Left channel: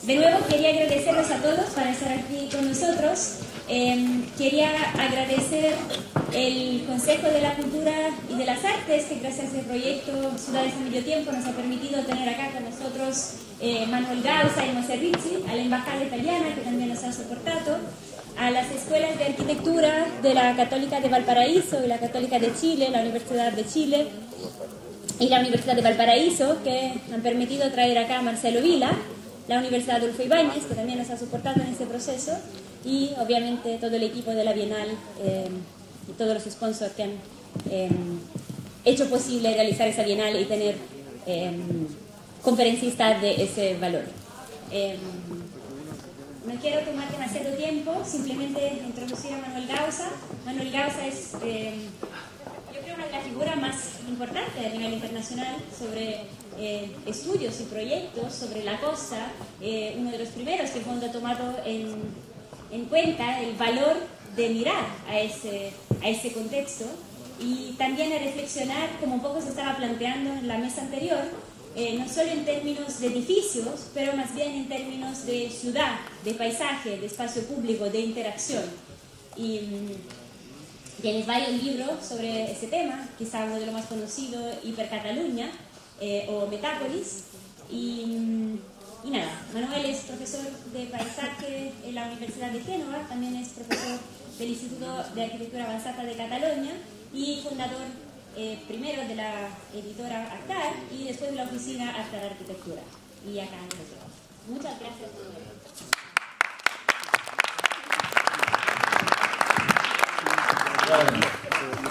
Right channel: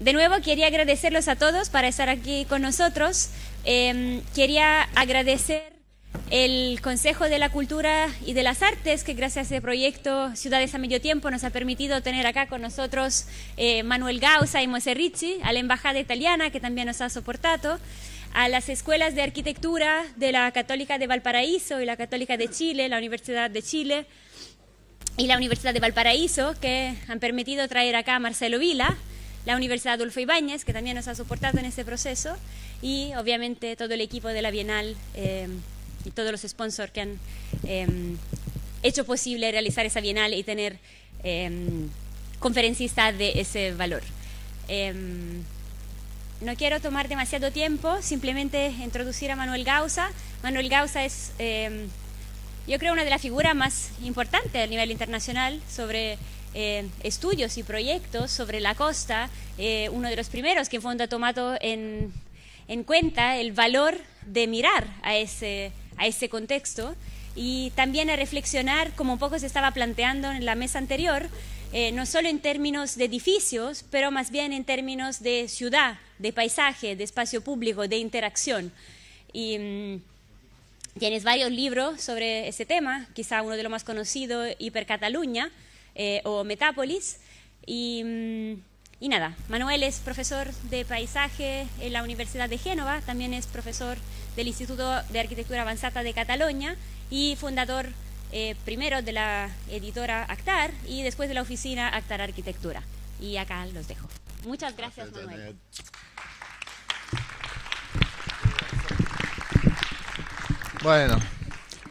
De nuevo quería agradecerlos a todos para estar aquí con nosotros. Quería agradecer el Consejo de la Cultura y de las Artes, que gracias a este proyecto Ciudades a Medio Tiempo nos ha permitido tener acá con nosotros Manuel Gausa y Moise Ricci, a la Embajada Italiana, que también nos ha soportado, a las escuelas de arquitectura de la Católica de Valparaíso y la Católica de Chile, la Universidad de Chile y la Universidad de Valparaíso, que han permitido traer acá a Marcelo Vila, la Universidad Adolfo Ibáñez, que también nos ha soportado en este proceso, y obviamente todo el equipo de la Bienal y todos los sponsors que han hecho posible realizar esa Bienal y tener conferencistas de ese valor. No quiero tomar demasiado tiempo, simplemente introducir a Manuel Gausa. Manuel Gausa es, yo creo, una de las figuras más importantes a nivel internacional sobre estudios y proyectos sobre la costa, uno de los primeros que Fondo ha tomado en cuenta el valor de mirar a ese contexto y también a reflexionar, como un poco se estaba planteando en la mesa anterior, no solo en términos de edificios, pero más bien en términos de ciudad, de paisaje, de espacio público, de interacción. Y tienes varios libros sobre ese tema, quizá uno de los más conocidos, Hipercataluña, o Metápolis, y nada, Manuel es profesor de paisaje en la Universidad de Génova, también es profesor del Instituto de Arquitectura Avanzada de Cataluña y fundador primero de la editora Actar y después de la oficina Actar Arquitectura. Y acá los dejo. Muchas gracias, Manuel.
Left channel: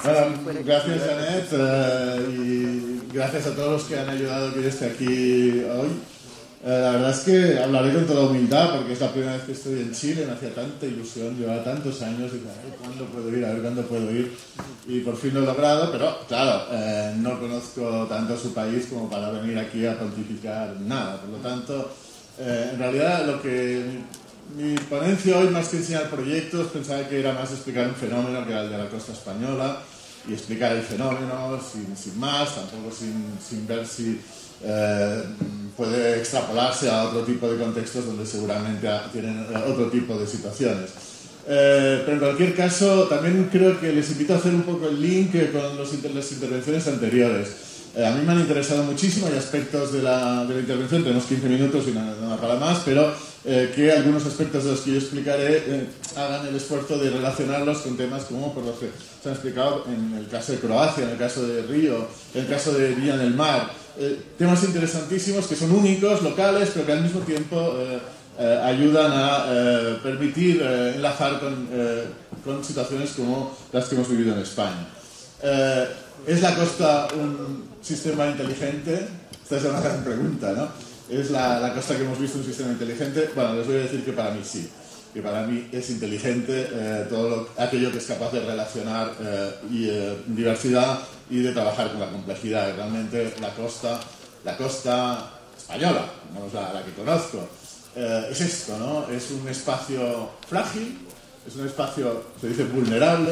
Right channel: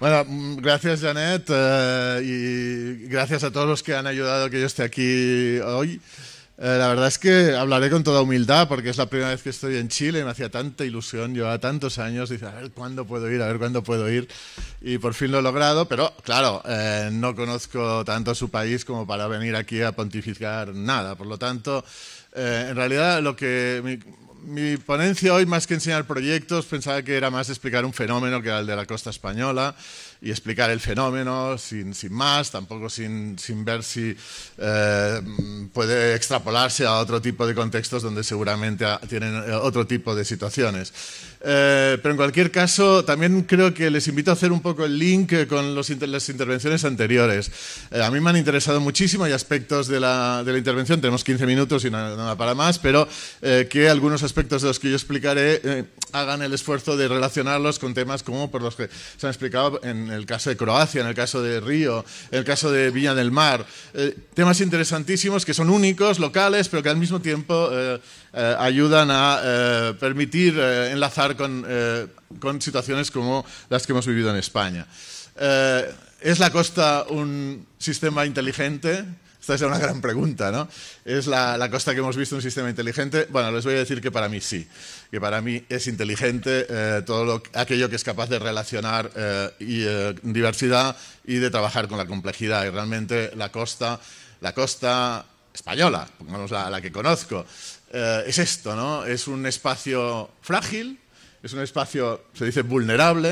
Bueno, gracias Janet y gracias a todos los que han ayudado a que yo esté aquí hoy. La verdad es que hablaré con toda humildad porque es la primera vez que estoy en Chile, me hacía tanta ilusión, llevaba tantos años, dice, a ver cuándo puedo ir, a ver cuándo puedo ir, y por fin lo he logrado, pero claro, no conozco tanto a su país como para venir aquí a pontificar nada, por lo tanto, en realidad mi ponencia hoy, más que enseñar proyectos, pensaba que era más de explicar un fenómeno que era el de la costa española y explicar el fenómeno sin más, tampoco sin ver si puede extrapolarse a otro tipo de contextos donde seguramente tienen otro tipo de situaciones. Pero en cualquier caso, también creo que les invito a hacer un poco el link con las intervenciones anteriores. A mí me han interesado muchísimo, hay aspectos de la intervención, tenemos 15 minutos y no da para más, pero que algunos aspectos de los que yo explicaré hagan el esfuerzo de relacionarlos con temas como por los que se han explicado en el caso de Croacia, en el caso de Río, en el caso de Viña del Mar. Temas interesantísimos que son únicos, locales, pero que al mismo tiempo ayudan a permitir enlazar con situaciones como las que hemos vivido en España. ¿Es la costa un sistema inteligente? Esta es una gran pregunta, ¿no? ¿Es la costa que hemos visto un sistema inteligente? Bueno, les voy a decir que para mí sí, que para mí es inteligente todo aquello que es capaz de relacionar diversidad y de trabajar con la complejidad. Y realmente la costa española, vamos, la que conozco, es esto, ¿no? Es un espacio frágil, es un espacio, se dice, vulnerable,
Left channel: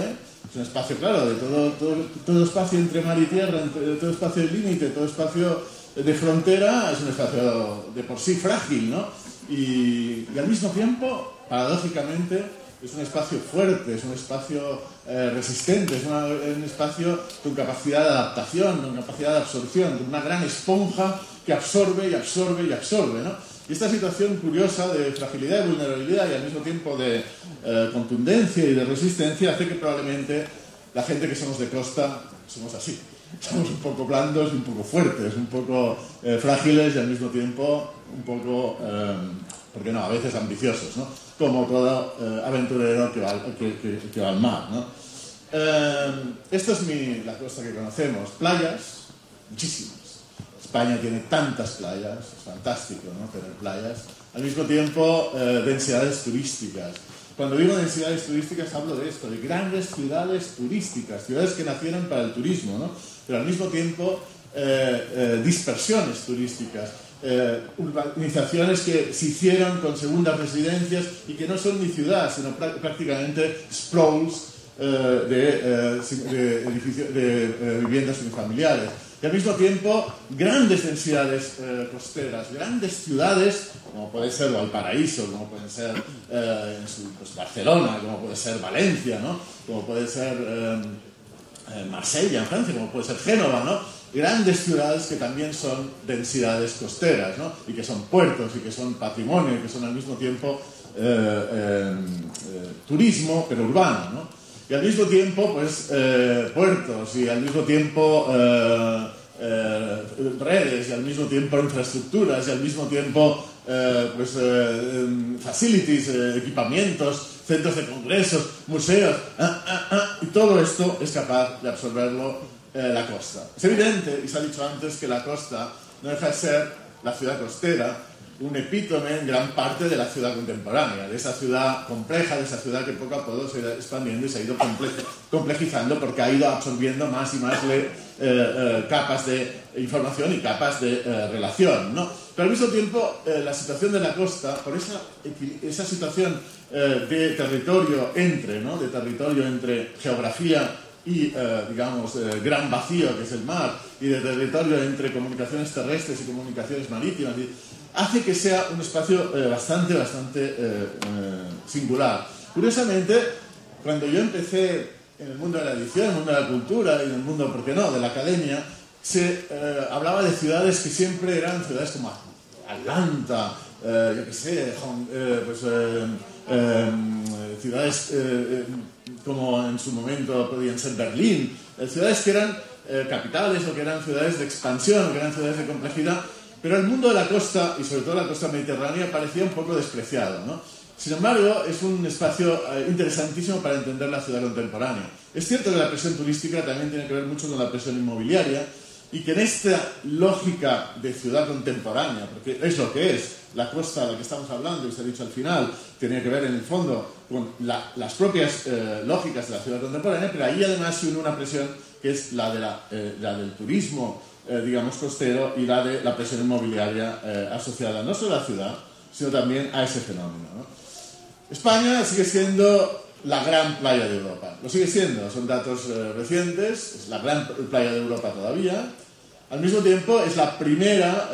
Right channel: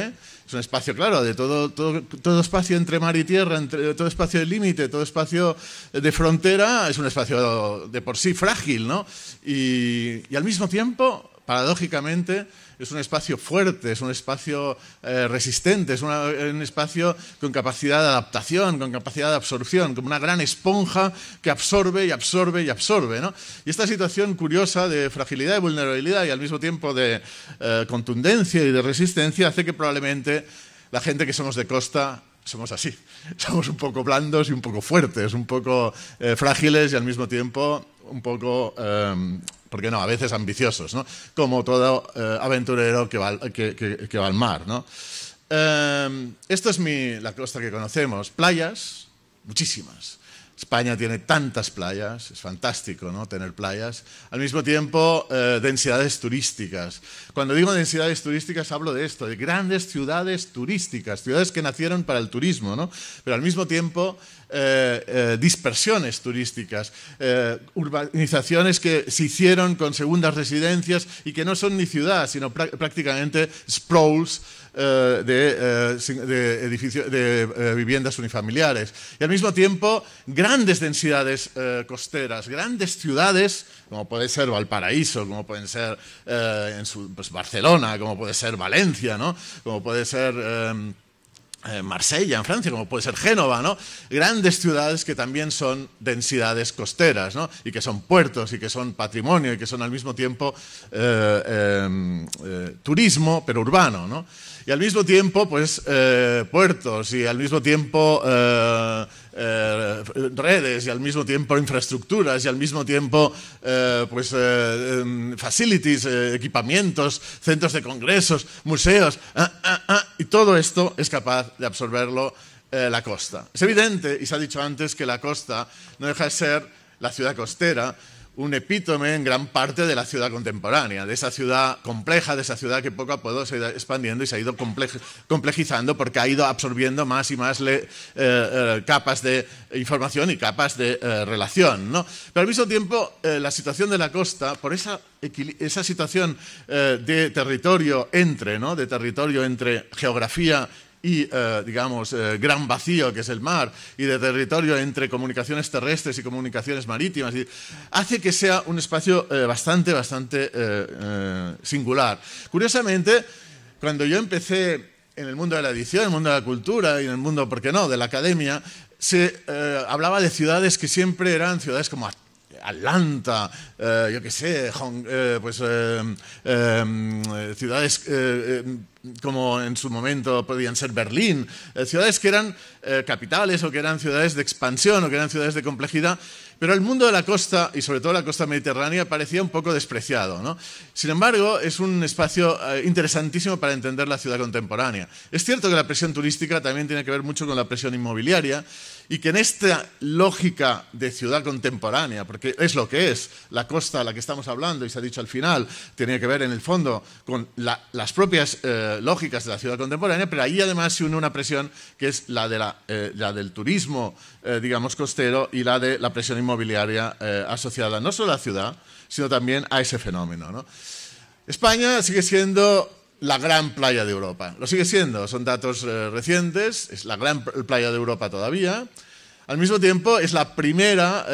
es un espacio, claro, de todo espacio entre mar y tierra, todo espacio de límite, todo espacio de frontera, es un espacio de por sí frágil, ¿no? Y al mismo tiempo, paradójicamente, es un espacio fuerte, es un espacio resistente, es un espacio con capacidad de adaptación, con capacidad de absorción, como una gran esponja que absorbe y absorbe y absorbe, ¿no? Y esta situación curiosa de fragilidad y vulnerabilidad y al mismo tiempo de contundencia y de resistencia hace que probablemente la gente que somos de costa somos así. Somos un poco blandos y un poco fuertes, un poco frágiles y al mismo tiempo un poco, ¿por qué no?, a veces ambiciosos, ¿no? Como todo aventurero que va al mar, ¿no? Esto es la costa que conocemos. Playas, muchísimas. España tiene tantas playas, es fantástico, ¿no?, tener playas. Al mismo tiempo, densidades turísticas. Cuando digo densidades turísticas hablo de esto, de grandes ciudades turísticas, ciudades que nacieron para el turismo, ¿no? Pero al mismo tiempo dispersiones turísticas, urbanizaciones que se hicieron con segundas residencias y que no son ni ciudad, sino prácticamente sprawls de viviendas unifamiliares. Y al mismo tiempo, grandes densidades costeras, grandes ciudades, como puede ser Valparaíso, como pueden ser pues Barcelona, como puede ser Valencia, ¿no? Como puede ser Marsella en Francia, como puede ser Génova, ¿no? Grandes ciudades que también son densidades costeras, ¿no? Y que son puertos y que son patrimonio y que son al mismo tiempo turismo, pero urbano, ¿no? Y al mismo tiempo, pues, puertos y al mismo tiempo redes y al mismo tiempo infraestructuras y al mismo tiempo facilities, equipamientos, centros de congresos, museos, y todo esto es capaz de absorberlo la costa. Es evidente, y se ha dicho antes, que la costa no deja de ser la ciudad costera, un epítome en gran parte de la ciudad contemporánea, de esa ciudad compleja, de esa ciudad que poco a poco se ha ido expandiendo y se ha ido complejizando porque ha ido absorbiendo más y más capas de información y capas de relación, ¿no? Pero al mismo tiempo, la situación de la costa, por esa situación de territorio entre geografía y, digamos, gran vacío que es el mar, y de territorio entre comunicaciones terrestres y comunicaciones marítimas, hace que sea un espacio bastante singular. Curiosamente, cuando yo empecé en el mundo de la edición, en el mundo de la cultura y en el mundo, ¿por qué no?, de la academia, se hablaba de ciudades que siempre eran ciudades como Atlanta, yo qué sé, ciudades como en su momento podían ser Berlín, ciudades que eran capitales o que eran ciudades de expansión o que eran ciudades de complejidad, pero el mundo de la costa, y sobre todo la costa mediterránea, parecía un poco despreciado, ¿no? Sin embargo, es un espacio interesantísimo para entender la ciudad contemporánea. Es cierto que la presión turística también tiene que ver mucho con la presión inmobiliaria, y que en esta lógica de ciudad contemporánea, porque es lo que es, la costa a la que estamos hablando, y se ha dicho al final, tenía que ver en el fondo con las propias lógicas de la ciudad contemporánea, pero ahí además se une una presión que es la del turismo, digamos, costero, y la de la presión inmobiliaria asociada no solo a la ciudad, sino también a ese fenómeno, ¿no? España sigue siendo la gran playa de Europa. Lo sigue siendo, son datos recientes, es la gran playa de Europa todavía. Al mismo tiempo es la primera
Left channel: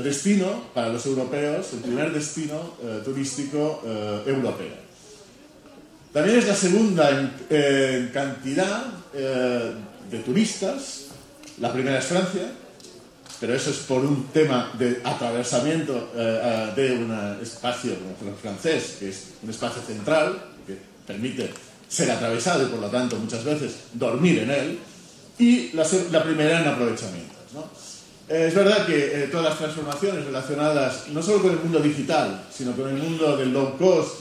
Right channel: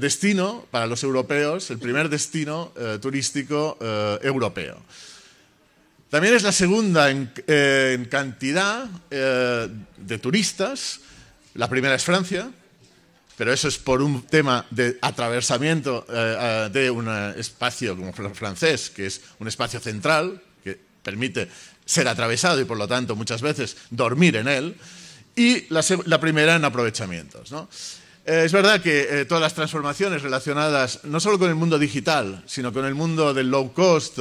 destino para los europeos, el primer destino turístico europeo. También es la segunda en cantidad de turistas. La primera es Francia, pero eso es por un tema de atravesamiento de un espacio como francés, que es un espacio central, que permite ser atravesado y por lo tanto muchas veces dormir en él, y la primera en aprovechamientos, ¿no? Es verdad que todas las transformaciones relacionadas no solo con el mundo digital, sino con el mundo del low cost,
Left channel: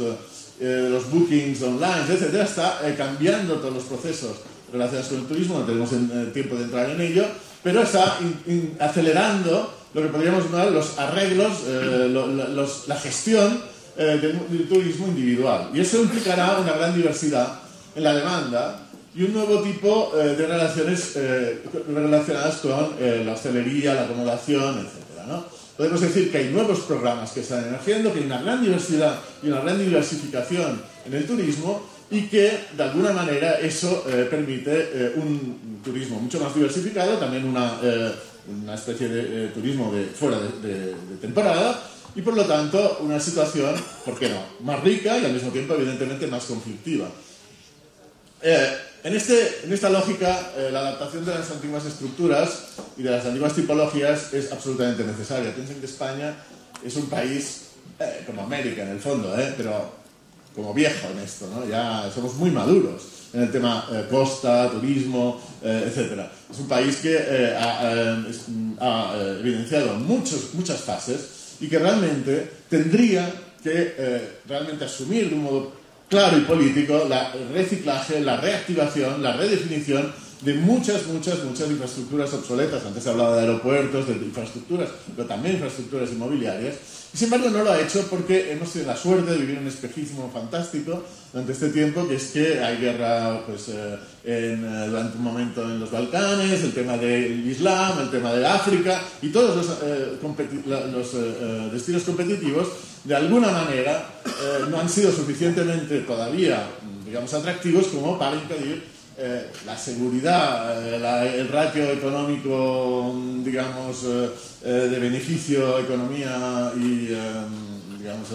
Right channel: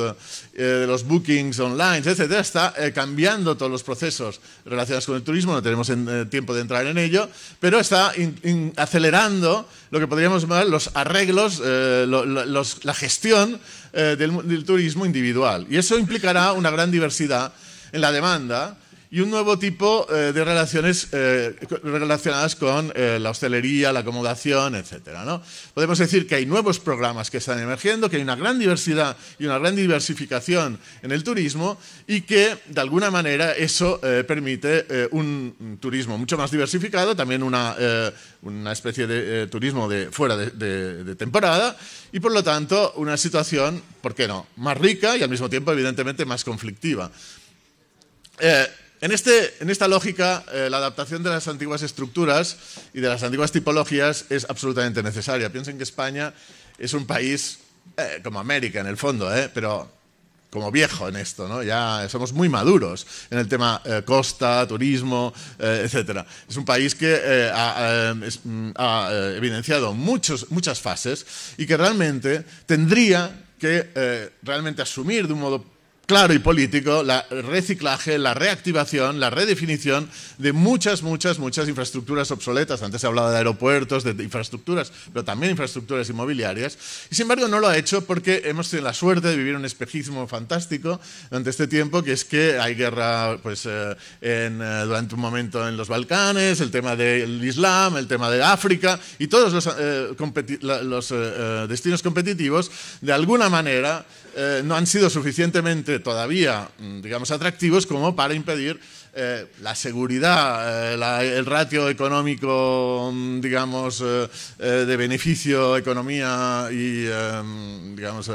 los bookings online, etcétera, está cambiando todos los procesos relacionados con el turismo. No tenemos tiempo de entrar en ello, pero está acelerando lo que podríamos llamar los arreglos, la gestión del turismo individual. Y eso implicará una gran diversidad en la demanda y un nuevo tipo de relaciones relacionadas con la hostelería, la acomodación, etcétera, ¿no? Podemos decir que hay nuevos programas que están emergiendo, que hay una gran diversidad y una gran diversificación en el turismo, y que de alguna manera eso permite un turismo mucho más diversificado, también una especie de turismo fuera de temporada, y por lo tanto una situación, ¿por qué no?, más rica y al mismo tiempo evidentemente más conflictiva. En esta lógica, la adaptación de las antiguas estructuras y de las antiguas tipologías es absolutamente necesaria. Piensen que España es un país como América en el fondo, pero como viejo en esto, ¿no? Ya somos muy maduros en el tema costa, turismo, etcétera. Es un país que ha evidenciado muchas fases y que realmente tendría que realmente asumir de un modo claro y político el reciclaje, la reactivación, la redefinición de muchas infraestructuras obsoletas. Antes se hablaba de aeropuertos, de infraestructuras, pero también infraestructuras inmobiliarias. Y sin embargo no lo ha hecho porque hemos tenido la suerte de vivir un espejismo fantástico durante este tiempo, que es que hay guerra durante un momento en los Balcanes, el tema del Islam, el tema de África, y todos los destinos competitivos de alguna manera no han sido suficientemente todavía digamos, atractivos como para impedir la seguridad, el ratio económico, digamos, de beneficio, economía y, digamos,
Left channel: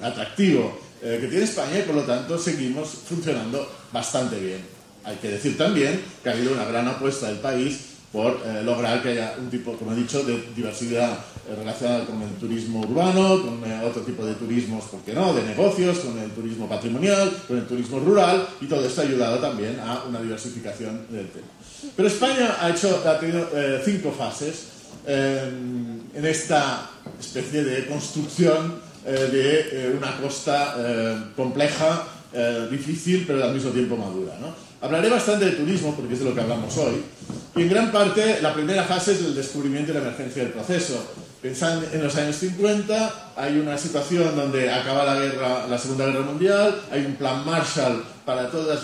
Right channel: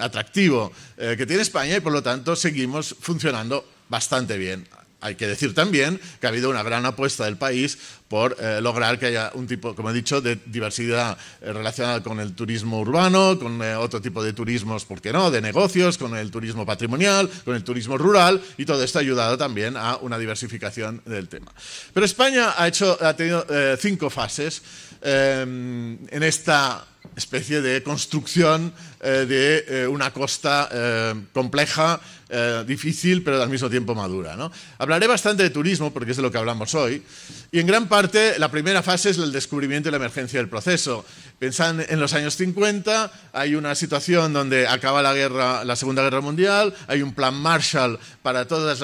atractivo que tiene España, y por lo tanto seguimos funcionando bastante bien. Hay que decir también que ha habido una gran apuesta del país por lograr que haya un tipo, como he dicho, de diversidad relacionada con el turismo urbano, con otro tipo de turismos, ¿por qué no?, de negocios, con el turismo patrimonial, con el turismo rural, y todo esto ha ayudado también a una diversificación del tema. Pero España ha tenido 5 fases en esta especie de construcción de una costa compleja, difícil, pero al mismo tiempo madura, ¿no? Hablaré bastante de turismo porque es de lo que hablamos hoy, y en gran parte la primera fase es el descubrimiento y la emergencia del proceso. Pensad en los años 50, hay una situación donde acaba la Segunda Guerra Mundial, hay un plan Marshall para todos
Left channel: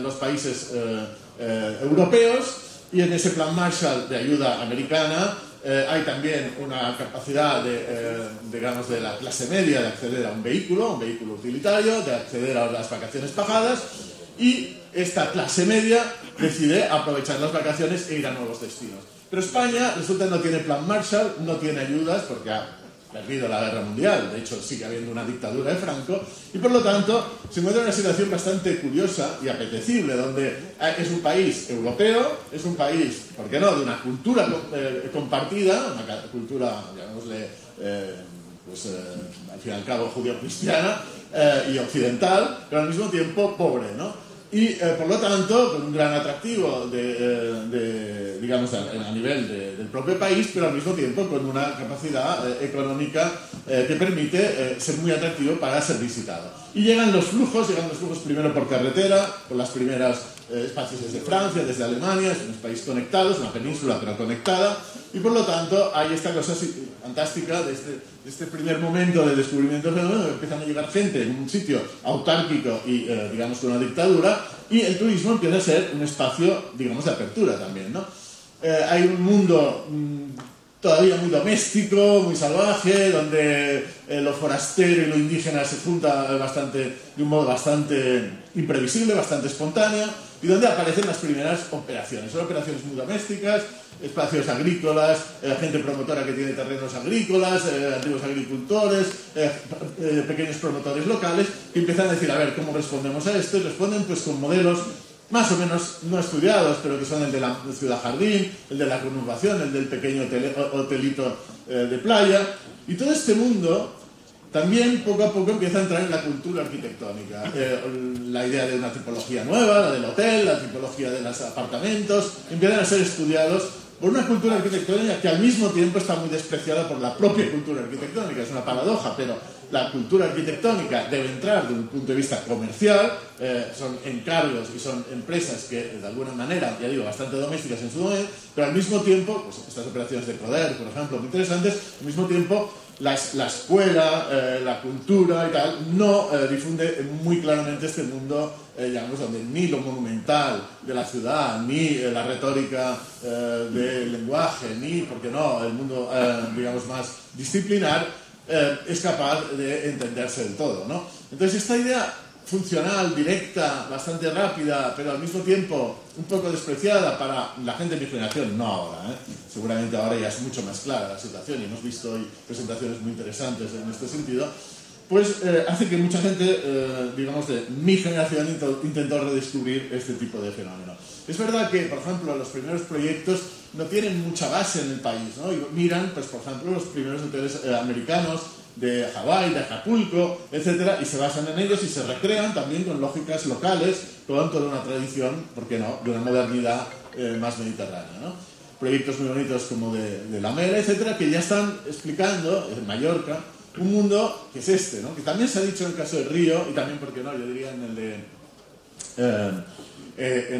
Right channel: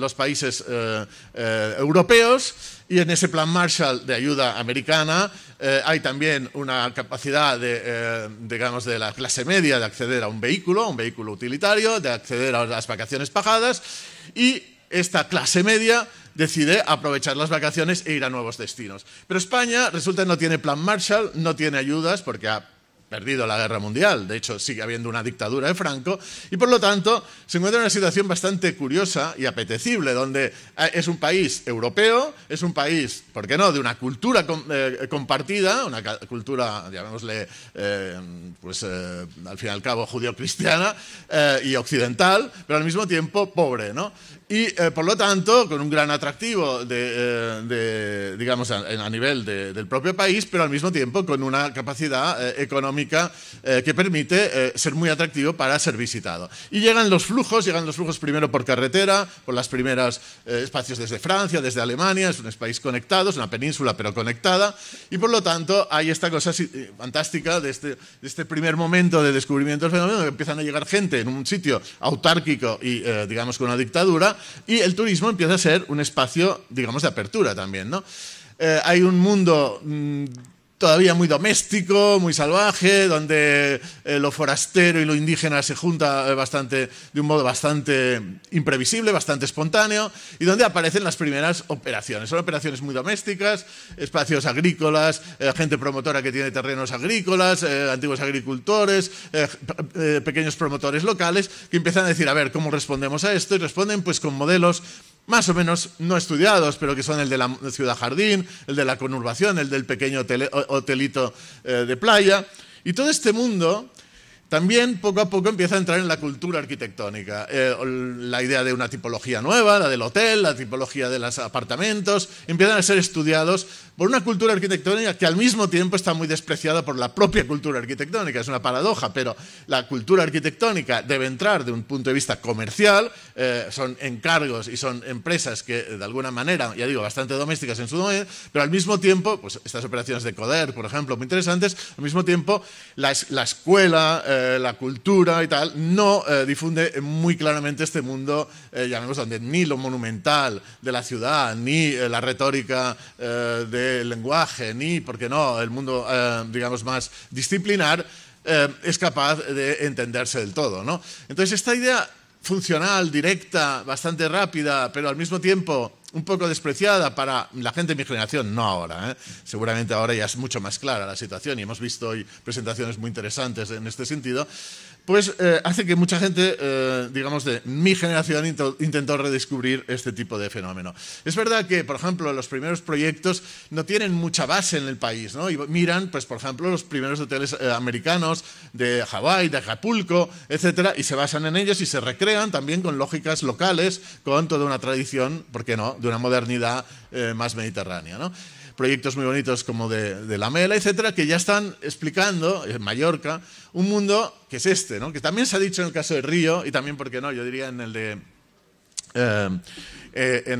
los países europeos, y en ese plan Marshall de ayuda americana hay también una capacidad digamos, de la clase media de acceder a un vehículo utilitario, de acceder a las vacaciones pagadas, y esta clase media decide aprovechar las vacaciones e ir a nuevos destinos. Pero España, resulta, no tiene plan Marshall, no tiene ayudas porque ha perdido la guerra mundial, de hecho sigue habiendo una dictadura de Franco, y por lo tanto se encuentra en una situación bastante curiosa y apetecible, donde es un país europeo, es un país, ¿por qué no?, de una cultura compartida, una cultura, llamémosle, pues al fin y al cabo judío-cristiana y occidental, pero al mismo tiempo pobre, ¿no? Y por lo tanto con un gran atractivo digamos a nivel del propio país, pero al mismo tiempo con una capacidad económica que permite ser muy atractivo para ser visitado. Y llegan los flujos primero por carretera, por las primeras espacios desde Francia, desde Alemania, es un país conectado, es una península pero conectada, y por lo tanto hay esta cosa fantástica de este primer momento de descubrimiento del fenómeno, que empiezan a llegar gente en un sitio autárquico y digamos con una dictadura, y el turismo empieza a ser un espacio, digamos, de apertura también, ¿no? Hay un mundo todavía muy doméstico, muy salvaje, donde lo forastero y lo indígena se junta de un modo bastante imprevisible, bastante espontáneo, y donde aparecen las primeras operaciones. Son operaciones muy domésticas, espacios agrícolas, gente promotora que tiene terrenos agrícolas, antiguos agricultores, pequeños promotores locales, que empiezan a decir, a ver, ¿cómo respondemos a esto? Y responden pues con modelos más o menos no estudiados, pero que son el de la ciudad jardín, el de la conurbación, el del pequeño hotelito de playa. Y todo este mundo también poco a poco empieza a entrar en la cultura arquitectónica. La idea de una tipología nueva, la del hotel, la tipología de los apartamentos, empiezan a ser estudiados por una cultura arquitectónica que al mismo tiempo está muy despreciada por la propia cultura arquitectónica. Es una paradoja, pero la cultura arquitectónica debe entrar de un punto de vista comercial, son encargos y son empresas que de alguna manera, ya digo, bastante domésticas en su dominio, pero al mismo tiempo, pues estas operaciones de Coder, por ejemplo, muy interesantes, al mismo tiempo la escuela, la cultura y tal, no difunde muy claramente este mundo, llamemos también, ni lo monumental de la ciudad, ni la retórica del lenguaje, ni, ¿por qué no?, el mundo, digamos, más disciplinar, es capaz de entenderse del todo, ¿no? Entonces esta idea funcional, directa, bastante rápida, pero al mismo tiempo un poco despreciada para la gente de mi generación, no ahora, ¿eh? Seguramente ahora ya es mucho más clara la situación y hemos visto hoy presentaciones muy interesantes en este sentido, pues hace que mucha gente, digamos, de mi generación intentó redescubrir este tipo de fenómeno. Es verdad que, por ejemplo, los primeros proyectos no tienen mucha base en el país, ¿no? Y miran, pues, por ejemplo, los primeros hoteles americanos de Hawái, de Acapulco, etcétera, y se basan en ellos y se recrean también con lógicas locales, con toda una tradición, ¿por qué no?, de una modernidad más mediterránea, ¿no? Proyectos muy bonitos como de La Mela, etcétera, que ya están explicando en Mallorca un mundo que es este, ¿no? Que también se ha dicho en el caso de Río, y también, ¿por qué no?, yo diría en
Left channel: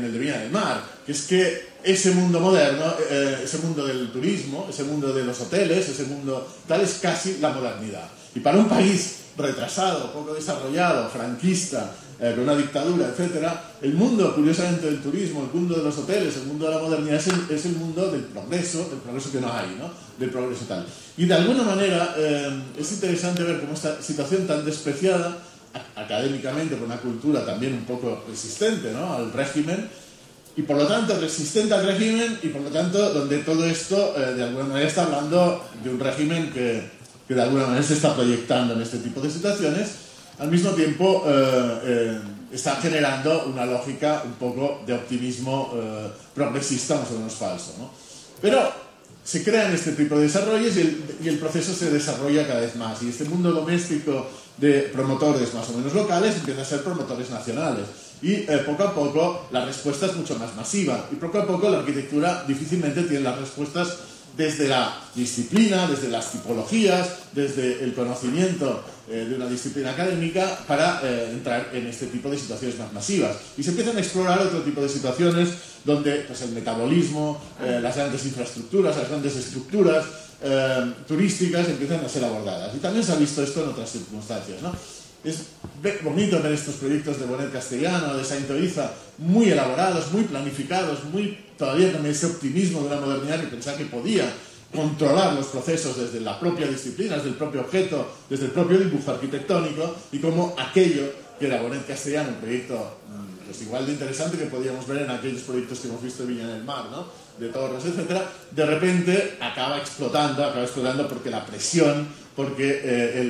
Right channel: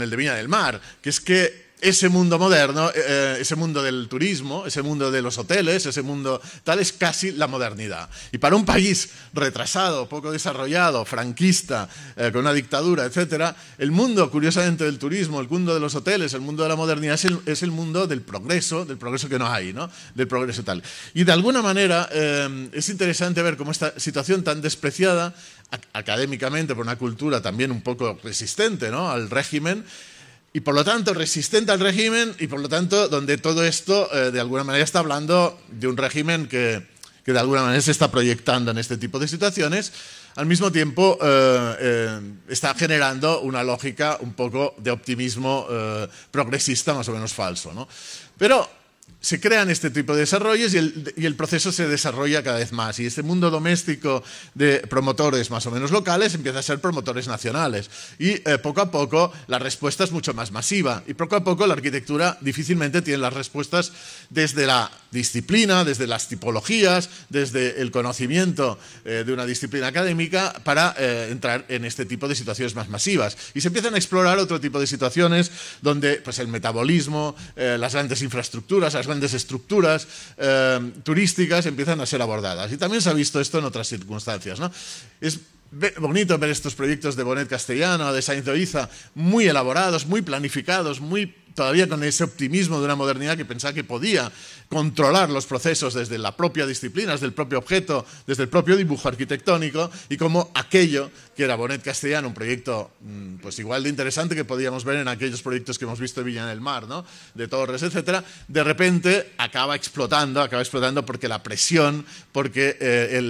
el de Viña del Mar, que es que ese mundo moderno, ese mundo del turismo, ese mundo de los hoteles, ese mundo tal, es casi la modernidad. Y para un país retrasado, poco desarrollado, franquista, con una dictadura, etcétera, el mundo, curiosamente, del turismo, el mundo de los hoteles, el mundo de la modernidad es el mundo del progreso que no hay, ¿no? Del progreso tal. Y de alguna manera es interesante ver cómo esta situación tan despreciada académicamente por una cultura también un poco resistente, ¿no?, al régimen, y por lo tanto resistente al régimen, y por lo tanto donde todo esto de alguna manera está hablando de un régimen que de alguna manera se está proyectando en este tipo de situaciones, al mismo tiempo está generando una lógica un poco de optimismo progresista más o menos falso, ¿no? Pero se crean este tipo de desarrollos y el proceso se desarrolla cada vez más. Y este mundo doméstico de promotores más o menos locales empieza a ser promotores nacionales. Y poco a poco la respuesta es mucho más masiva. Y poco a poco la arquitectura difícilmente tiene las respuestas desde la disciplina, desde las tipologías, desde el conocimiento de una disciplina académica para entrar en este tipo de situaciones más masivas. Y se empiezan a explorar otro tipo de situaciones donde pues, el metabolismo, las grandes infraestructuras, las grandes estructuras turísticas empiezan a ser abordadas. Y también se ha visto esto en otras circunstancias, ¿no? Es bonito ver estos proyectos de Bonet Castellano, de Sainz de Oiza, muy elaborados, muy planificados, todavía con ese optimismo de una modernidad que pensaba que podía controlar los procesos desde la propia disciplina, desde el propio objeto, desde el propio dibujo arquitectónico, y como aquello que era Bonet Castellano, un proyecto pues igual de interesante que podíamos ver en aquellos proyectos que hemos visto en Viña del Mar, ¿no?, de torres, etcétera, de repente acaba explotando porque la presión, porque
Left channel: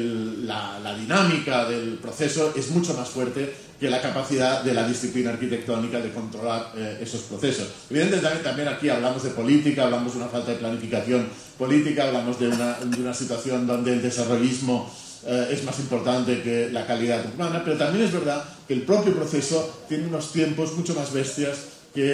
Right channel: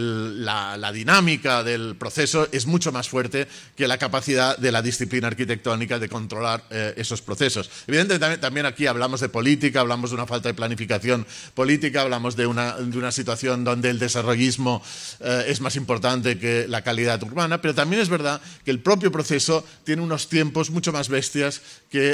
la dinámica del proceso es mucho más fuerte que la capacidad de la disciplina arquitectónica de controlar esos procesos. Evidentemente también aquí hablamos de política, hablamos de una falta de planificación política, hablamos de una situación donde el desarrollismo es más importante que la calidad urbana, pero también es verdad que el propio proceso tiene unos tiempos mucho más bestias que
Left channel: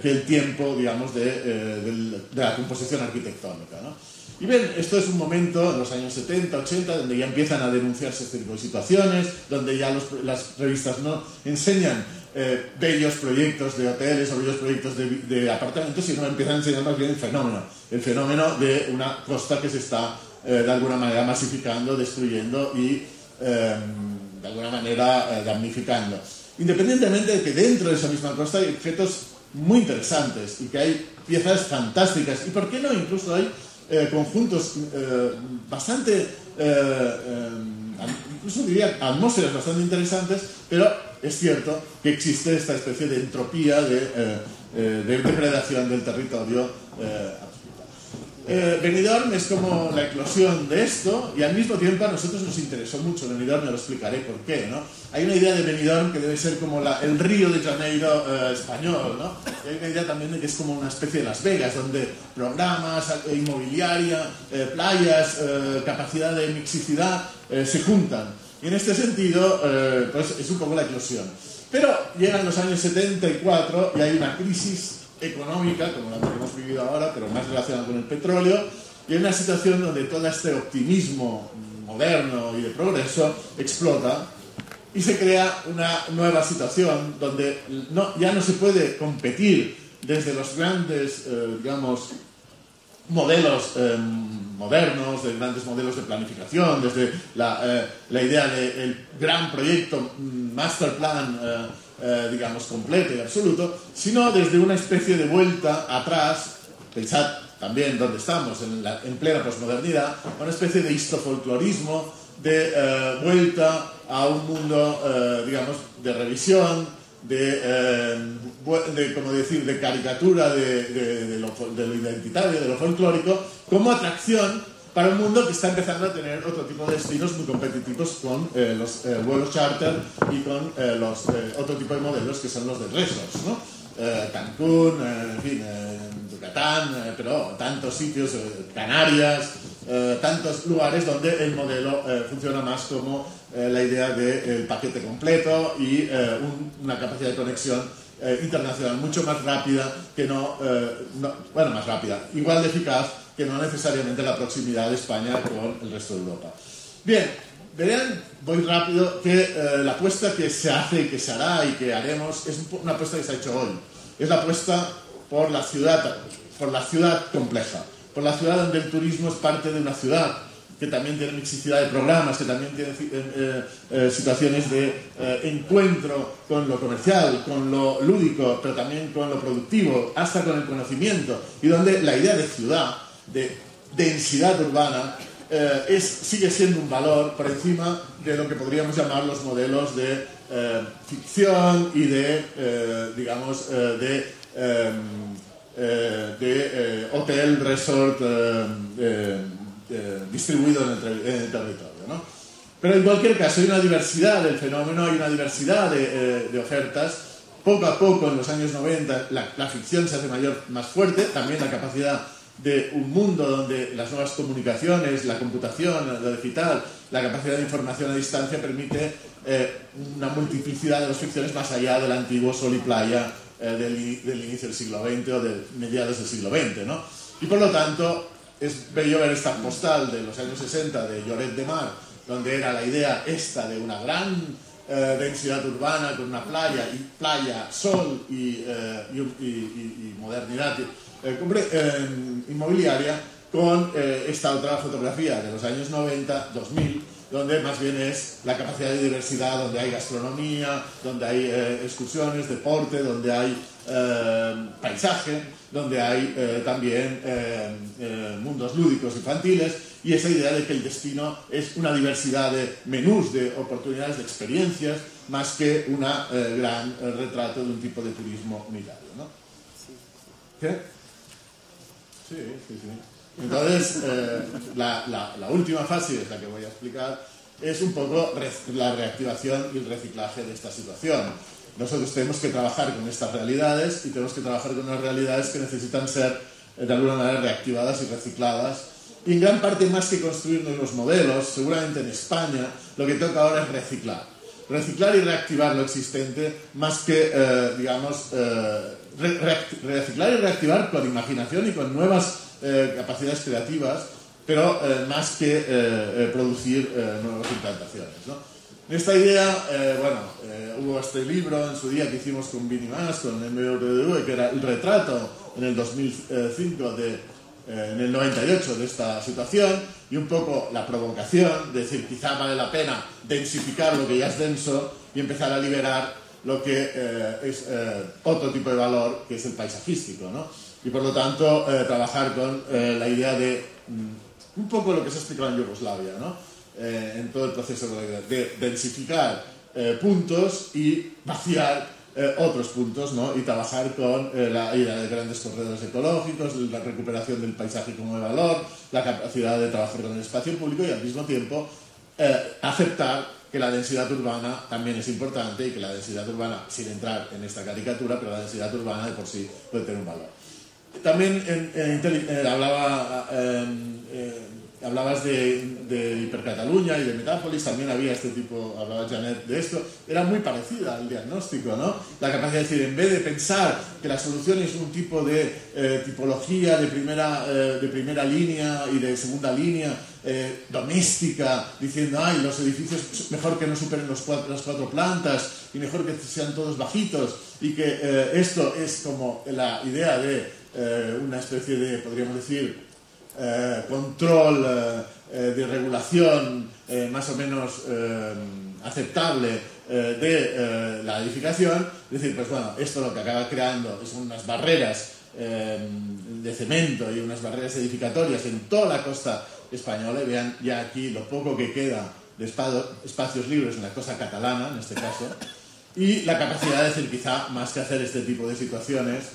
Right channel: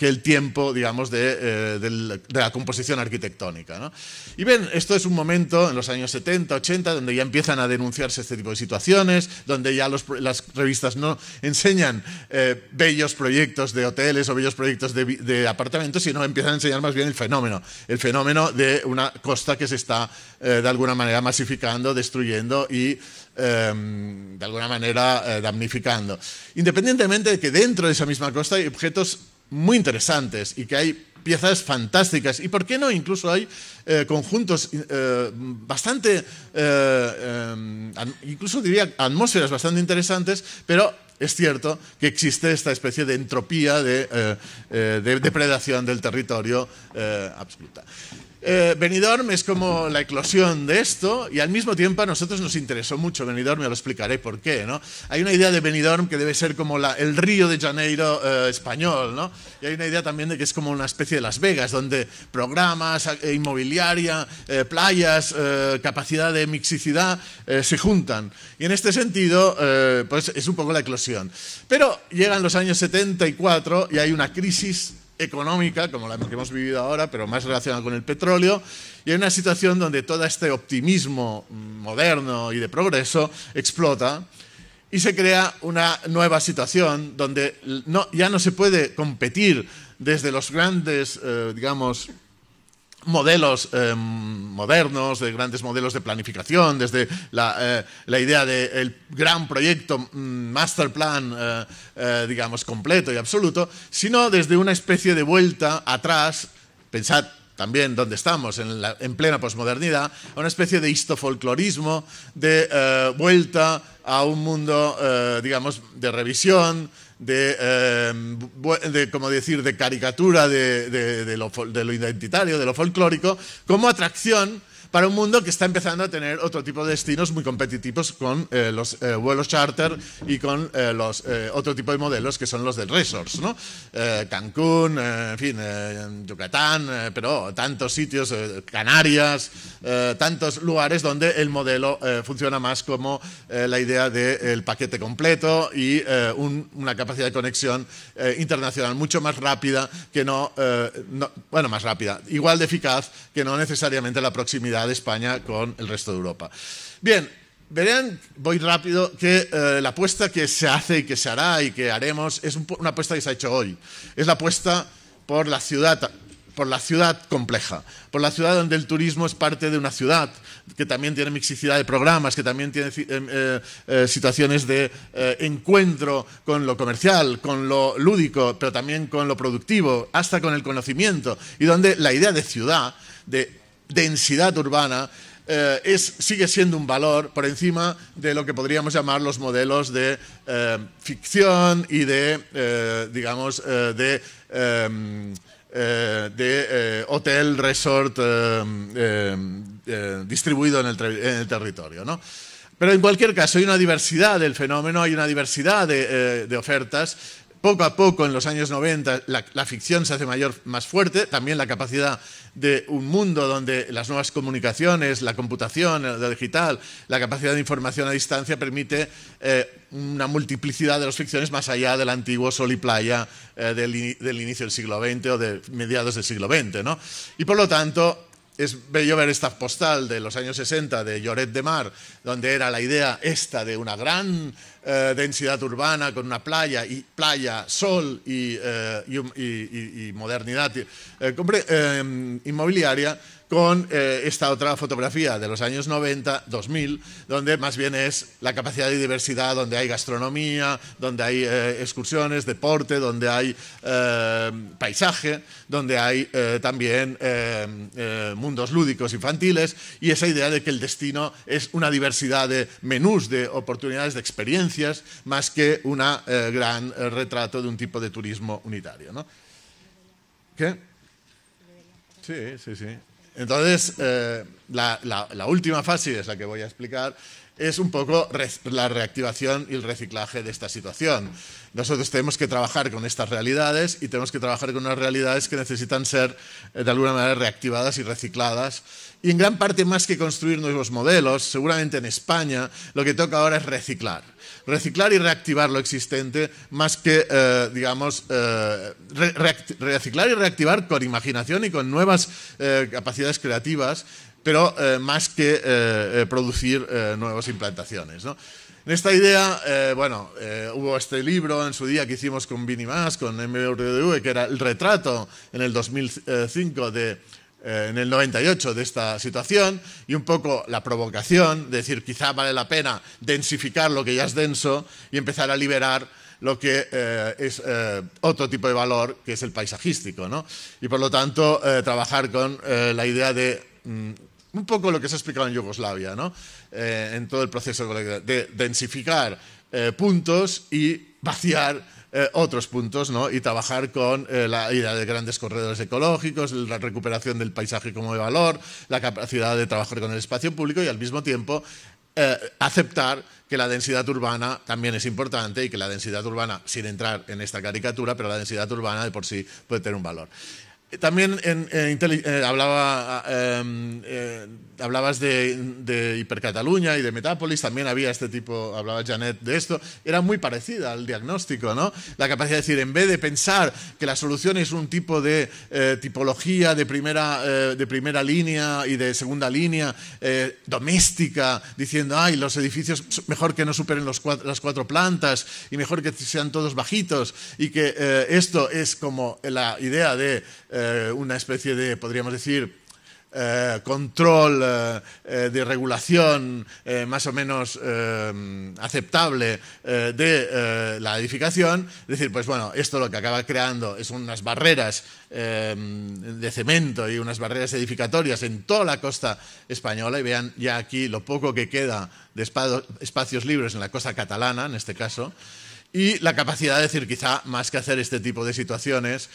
el tiempo, digamos, de la composición arquitectónica, ¿no? Y ven, esto es un momento en los años 70, 80, donde ya empiezan a denunciarse este tipo de situaciones, donde ya las revistas no enseñan bellos proyectos de hoteles o bellos proyectos de apartamentos, sino empiezan a enseñar más bien el fenómeno de una costa que se está de alguna manera masificando, destruyendo y de alguna manera damnificando. Independientemente de que dentro de esa misma costa hay objetos muy interesantes y que hay piezas fantásticas y, ¿por qué no?, incluso hay conjuntos bastante, incluso diría atmósferas bastante interesantes, pero es cierto que existe esta especie de entropía, de depredación del territorio absoluta. Benidorm es como la eclosión de esto, y al mismo tiempo a nosotros nos interesó mucho Benidorm, me lo explicaré por qué, ¿no? Hay una idea de Benidorm que debe ser como el Río de Janeiro español, ¿no? Y hay una idea también de que es como una especie de Las Vegas, donde programas, inmobiliaria, playas, capacidad de mixicidad se juntan. Y en este sentido, pues es un poco la eclosión. Pero llegan los años 74 y hay una crisis económica, como la que hemos vivido ahora, pero más relacionada con el petróleo, y hay una situación donde todo este optimismo moderno y de progreso explota y se crea una nueva situación donde ya no se puede competir desde los grandes, digamos, modelos modernos, de grandes modelos de planificación, desde la idea del gran proyecto, master plan, digamos, completo y absoluto, sino desde una especie de vuelta atrás. Pensad también dónde estamos, en plena posmodernidad, una especie de histofolclorismo, de vuelta a un mundo, digamos, de revisión, como decir, de caricatura de lo identitario, de lo folclórico, como atracción para un mundo que está empezando a tener otro tipo de destinos muy competitivos con los vuelos charter y con otro tipo de modelos que son los de resorts, ¿no? Cancún, en fin, Yucatán, pero tantos sitios, Canarias, tantos lugares donde el modelo funciona más como la idea del paquete completo y una capacidad de conexión internacional mucho más rápida que bueno, más rápida, igual de eficaz que no necesariamente la proximidad de España con el resto de Europa. Bien, verán, voy rápido, que la apuesta que se hace y que se hará y que haremos es una apuesta que se ha hecho hoy. Es la apuesta por la ciudad compleja, por la ciudad donde el turismo es parte de una ciudad que también tiene mixicidad de programas, que también tiene situaciones de encuentro con lo comercial, con lo lúdico, pero también con lo productivo, hasta con el conocimiento, y donde la idea de ciudad, de densidad urbana, sigue siendo un valor por encima de lo que podríamos llamar los modelos de ficción y de, digamos, de hotel, resort distribuido en el territorio, ¿no? Pero en cualquier caso hay una diversidad del fenómeno, hay una diversidad de ofertas. Poco a poco, en los años 90, la ficción se hace más fuerte, también la capacidad de un mundo donde las nuevas comunicaciones, la computación, lo digital, la capacidad de información a distancia permite una multiplicidad de las ficciones más allá del antiguo sol y playa del inicio del siglo XX o de mediados del siglo XX, ¿no? Y por lo tanto es bello ver esta postal de los años 60 de Lloret de Mar, donde era la idea esta de una gran densidad urbana con una playa, sol y modernidad inmobiliaria, con esta otra fotografía de los años 90, 2000, donde más bien es la capacidad de diversidad, donde hay gastronomía, donde hay excursiones, deporte, donde hay paisaje, donde hay también mundos lúdicos infantiles, y esa idea de que el destino es una diversidad de menús, de oportunidades, de experiencias, más que un gran retrato de un tipo de turismo unitario, ¿no? ¿Qué? Sí, sí, sí. Entonces, la última fase, es la que voy a explicar, es un poco la reactivación y el reciclaje de esta situación. Nosotros tenemos que trabajar con estas realidades y tenemos que trabajar con unas realidades que necesitan ser, de alguna manera, reactivadas y recicladas. Y en gran parte, más que construir nuevos modelos, seguramente en España, lo que toca ahora es reciclar. Reciclar y reactivar lo existente, más que, digamos, reciclar y reactivar con imaginación y con nuevas capacidades creativas, pero más que producir nuevas implantaciones, ¿no? En esta idea, hubo este libro en su día que hicimos con Vini Mas, con MRDV, que era el retrato en el 2005 en el 98 de esta situación, y un poco la provocación, de decir, quizá vale la pena densificar lo que ya es denso y empezar a liberar lo que es otro tipo de valor, que es el paisajístico, ¿no? Y por lo tanto, trabajar con la idea de un poco lo que se ha explicado en Yugoslavia, ¿no? En todo el proceso de densificar puntos y vaciar otros puntos, ¿no? Y trabajar con la idea de grandes corredores ecológicos, la recuperación del paisaje como de valor, la capacidad de trabajar con el espacio público y al mismo tiempo aceptar que la densidad urbana también es importante y que la densidad urbana, sin entrar en esta caricatura, pero la densidad urbana de por sí puede tener un valor. También hablabas de Hipercataluña y de Metápolis, también había este tipo, hablaba Janet de esto, era muy parecida al diagnóstico, ¿no? La capacidad de decir, en vez de pensar que la solución es un tipo de tipología de primera línea y de segunda línea, doméstica, diciendo, ay, los edificios mejor que no superen las 4 plantas y mejor que sean todos bajitos, y que esto es como la idea de una especie de, podríamos decir, control de regulación más o menos aceptable de la edificación, es decir, pues bueno, esto lo que acaba creando es unas barreras de cemento y unas barreras edificatorias en toda la costa española, y vean ya aquí lo poco que queda de espacios libres en la costa catalana, en este caso, y la capacidad de decir, quizá más que hacer este tipo de situaciones,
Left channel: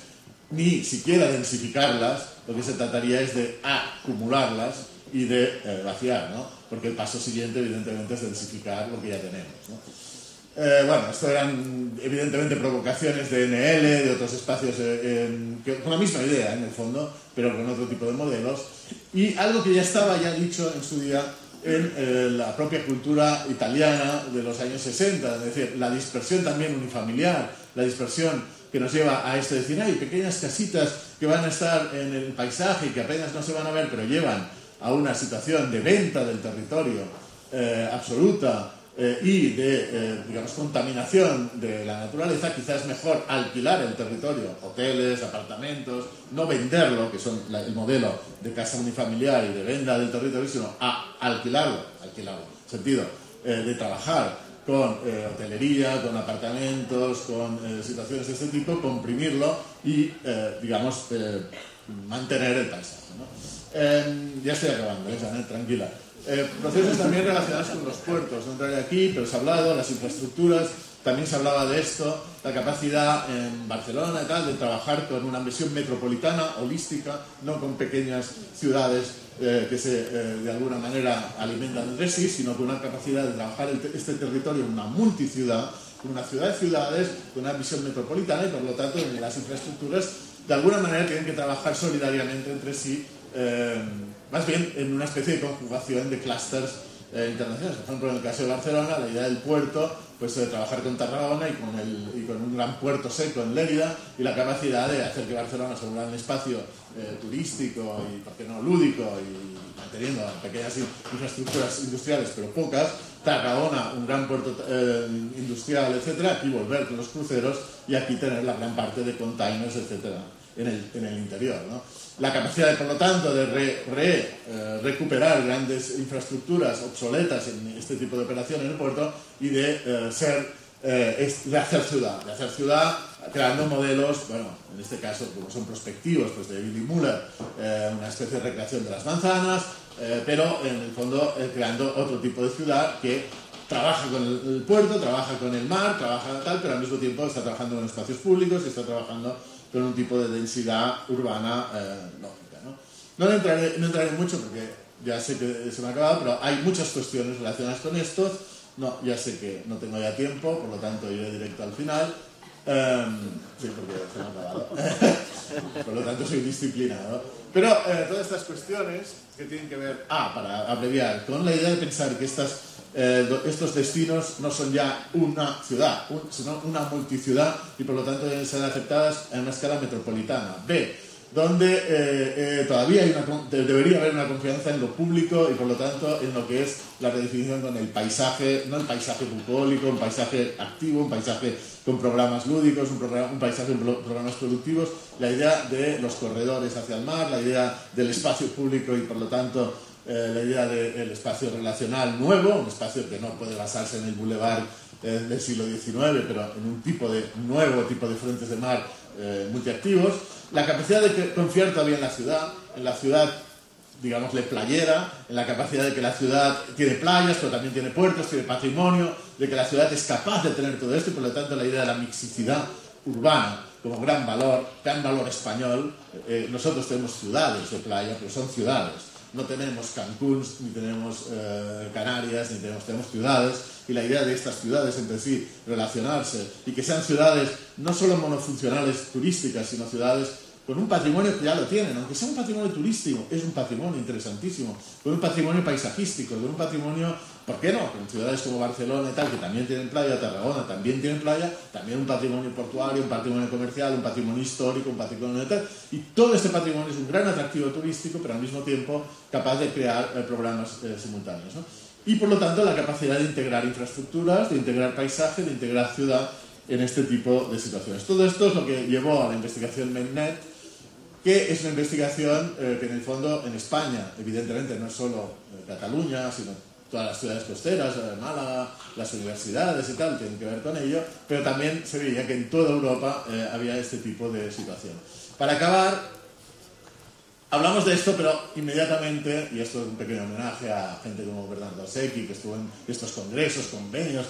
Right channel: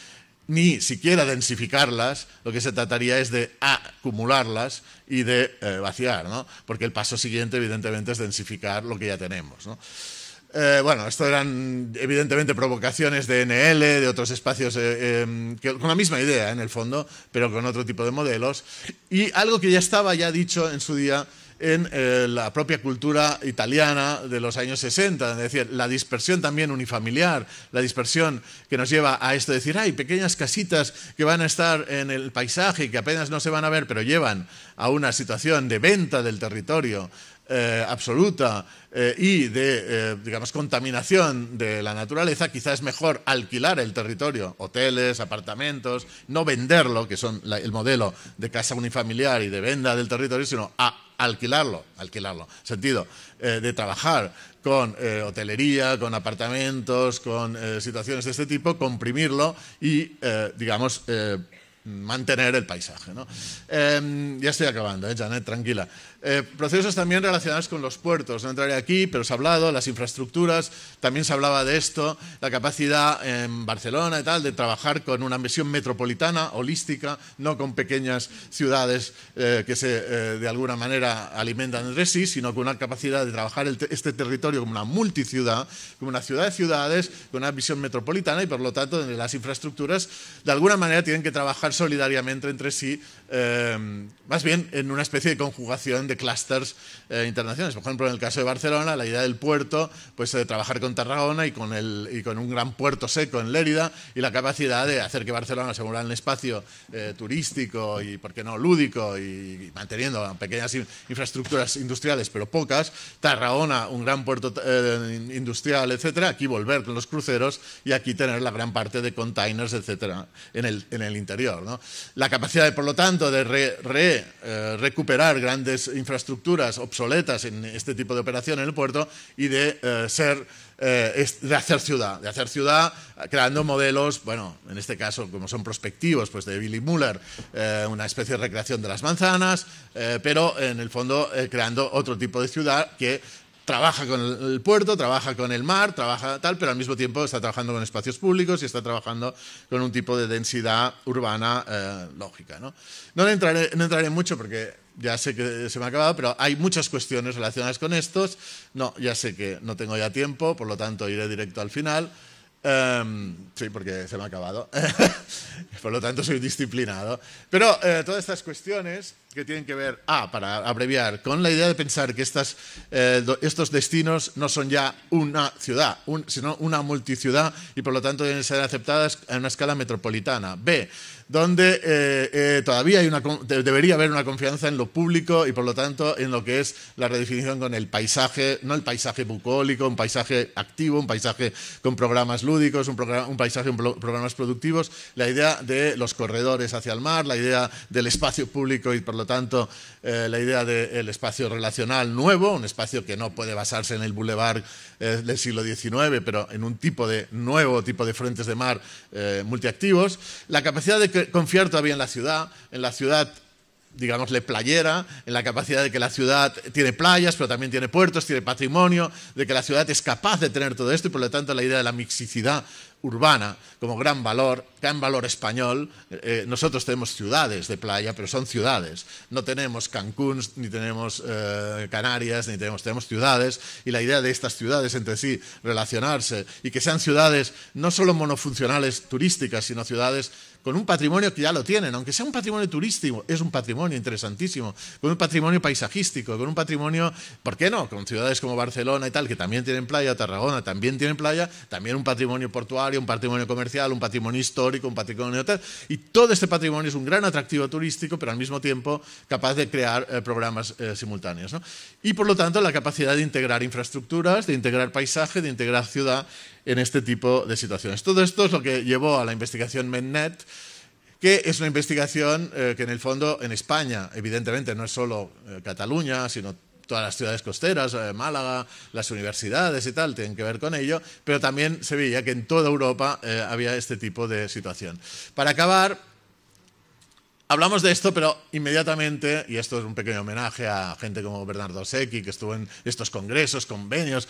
ni siquiera densificarlas, lo que se trataría es de acumularlas y de vaciar, ¿no? Porque el paso siguiente, evidentemente, es densificar lo que ya tenemos, ¿no? Esto eran evidentemente provocaciones de NL, de otros espacios con la misma idea en el fondo, pero con otro tipo de modelos, y algo que ya estaba dicho en su día en la propia cultura italiana de los años 60, es decir, la dispersión también unifamiliar, la dispersión que nos lleva a esto de decir, hay pequeñas casitas que van a estar en el paisaje y que apenas no se van a ver, pero llevan a una situación de venta del territorio absoluta y de, digamos, contaminación de la naturaleza. Quizás es mejor alquilar el territorio, hoteles, apartamentos, no venderlo, que son el modelo de casa unifamiliar y de venta del territorio, sino alquilarlo, sentido de trabajar con hotelería, con apartamentos, con situaciones de este tipo, comprimirlo y, digamos, mantener el paisaje, ¿no? Ya estoy acabando, Janet, tranquila. Procesos también relacionados con los puertos, no entraré aquí, pero se ha hablado, las infraestructuras, también se hablaba de esto, la capacidad en Barcelona y tal, de trabajar con una visión metropolitana, holística, no con pequeñas ciudades que de alguna manera alimentan entre sí, sino con una capacidad de trabajar este territorio, una multiciudad, como una ciudad de ciudades, con una visión metropolitana y por lo tanto las infraestructuras de alguna manera tienen que trabajar solidariamente entre sí, más bien en una especie de conjugación de clústeres internacionales. Por ejemplo, en el caso de Barcelona, la idea del puerto, pues de trabajar con Tarragona y con un gran puerto seco en Lérida, y la capacidad de hacer que Barcelona se vuelva un espacio turístico y, por qué no, lúdico, y manteniendo pequeñas infraestructuras industriales, pero pocas. Tarragona, un gran puerto industrial, etcétera. Aquí volver con los cruceros y aquí tener la gran parte de containers, etcétera, en el interior, ¿no? La capacidad, por lo tanto, de recuperar grandes infraestructuras obsoletas en este tipo de operación en el puerto y de hacer ciudad creando modelos, bueno, en este caso como son prospectivos, pues de Billy Muller, una especie de recreación de las manzanas, pero en el fondo creando otro tipo de ciudad que trabaja con el puerto, trabaja con el mar, trabaja tal, pero al mismo tiempo está trabajando con espacios públicos y está trabajando con un tipo de densidad urbana lógica, ¿no? No entraré mucho porque ya sé que se me ha acabado, pero hay muchas cuestiones relacionadas con estos. No, ya sé que no tengo ya tiempo, por lo tanto iré directo al final. Sí, porque se me ha acabado. Por lo tanto soy disciplinado. Pero todas estas cuestiones que tienen que ver, para abreviar, con la idea de pensar que estos destinos no son ya una ciudad, sino una multiciudad, y por lo tanto deben ser aceptadas a una escala metropolitana. B, donde todavía debería haber una confianza en lo público y por lo tanto en lo que es la redefinición con el paisaje, no el paisaje bucólico, un paisaje activo, un paisaje con programas lúdicos, un paisaje con programas productivos, la idea de los corredores hacia el mar, la idea del espacio público y por lo tanto la idea del espacio relacional nuevo, un espacio que no puede basarse en el bulevar del siglo XIX, pero en un nuevo tipo de frentes de mar multiactivos, la capacidad de confiar todavía en la ciudad, digámosle, playera, en la capacidad de que la ciudad tiene playas, pero también tiene puertos, tiene patrimonio, de que la ciudad es capaz de tener todo esto y por lo tanto la idea de la mixicidad urbana como gran valor español. Nosotros tenemos ciudades de playa, pero son ciudades. No tenemos Cancún, ni tenemos Canarias, tenemos ciudades, y la idea de estas ciudades entre sí relacionarse y que sean ciudades no solo monofuncionales turísticas, sino ciudades con un patrimonio que ya lo tienen, aunque sea un patrimonio turístico, es un patrimonio interesantísimo, con un patrimonio paisajístico, con un patrimonio, ¿por qué no?, con ciudades como Barcelona y tal, que también tienen playa, Tarragona también tienen playa, también un patrimonio portuario, un patrimonio comercial, un patrimonio histórico, un patrimonio tal, y todo este patrimonio es un gran atractivo turístico, pero al mismo tiempo capaz de crear programas simultáneos, ¿no? Y por lo tanto la capacidad de integrar infraestructuras, de integrar paisaje, de integrar ciudad en este tipo de situaciones. Todo esto es lo que llevó a la investigación MENNET, que es una investigación que en el fondo en España, evidentemente no es solo Cataluña, sino todas las ciudades costeras, Málaga, las universidades y tal, tienen que ver con ello, pero también se veía que en toda Europa había este tipo de situación. Para acabar, hablamos de esto, pero inmediatamente, y esto es un pequeño homenaje a gente como Bernardo Secchi, que estuvo en estos congresos, convenios,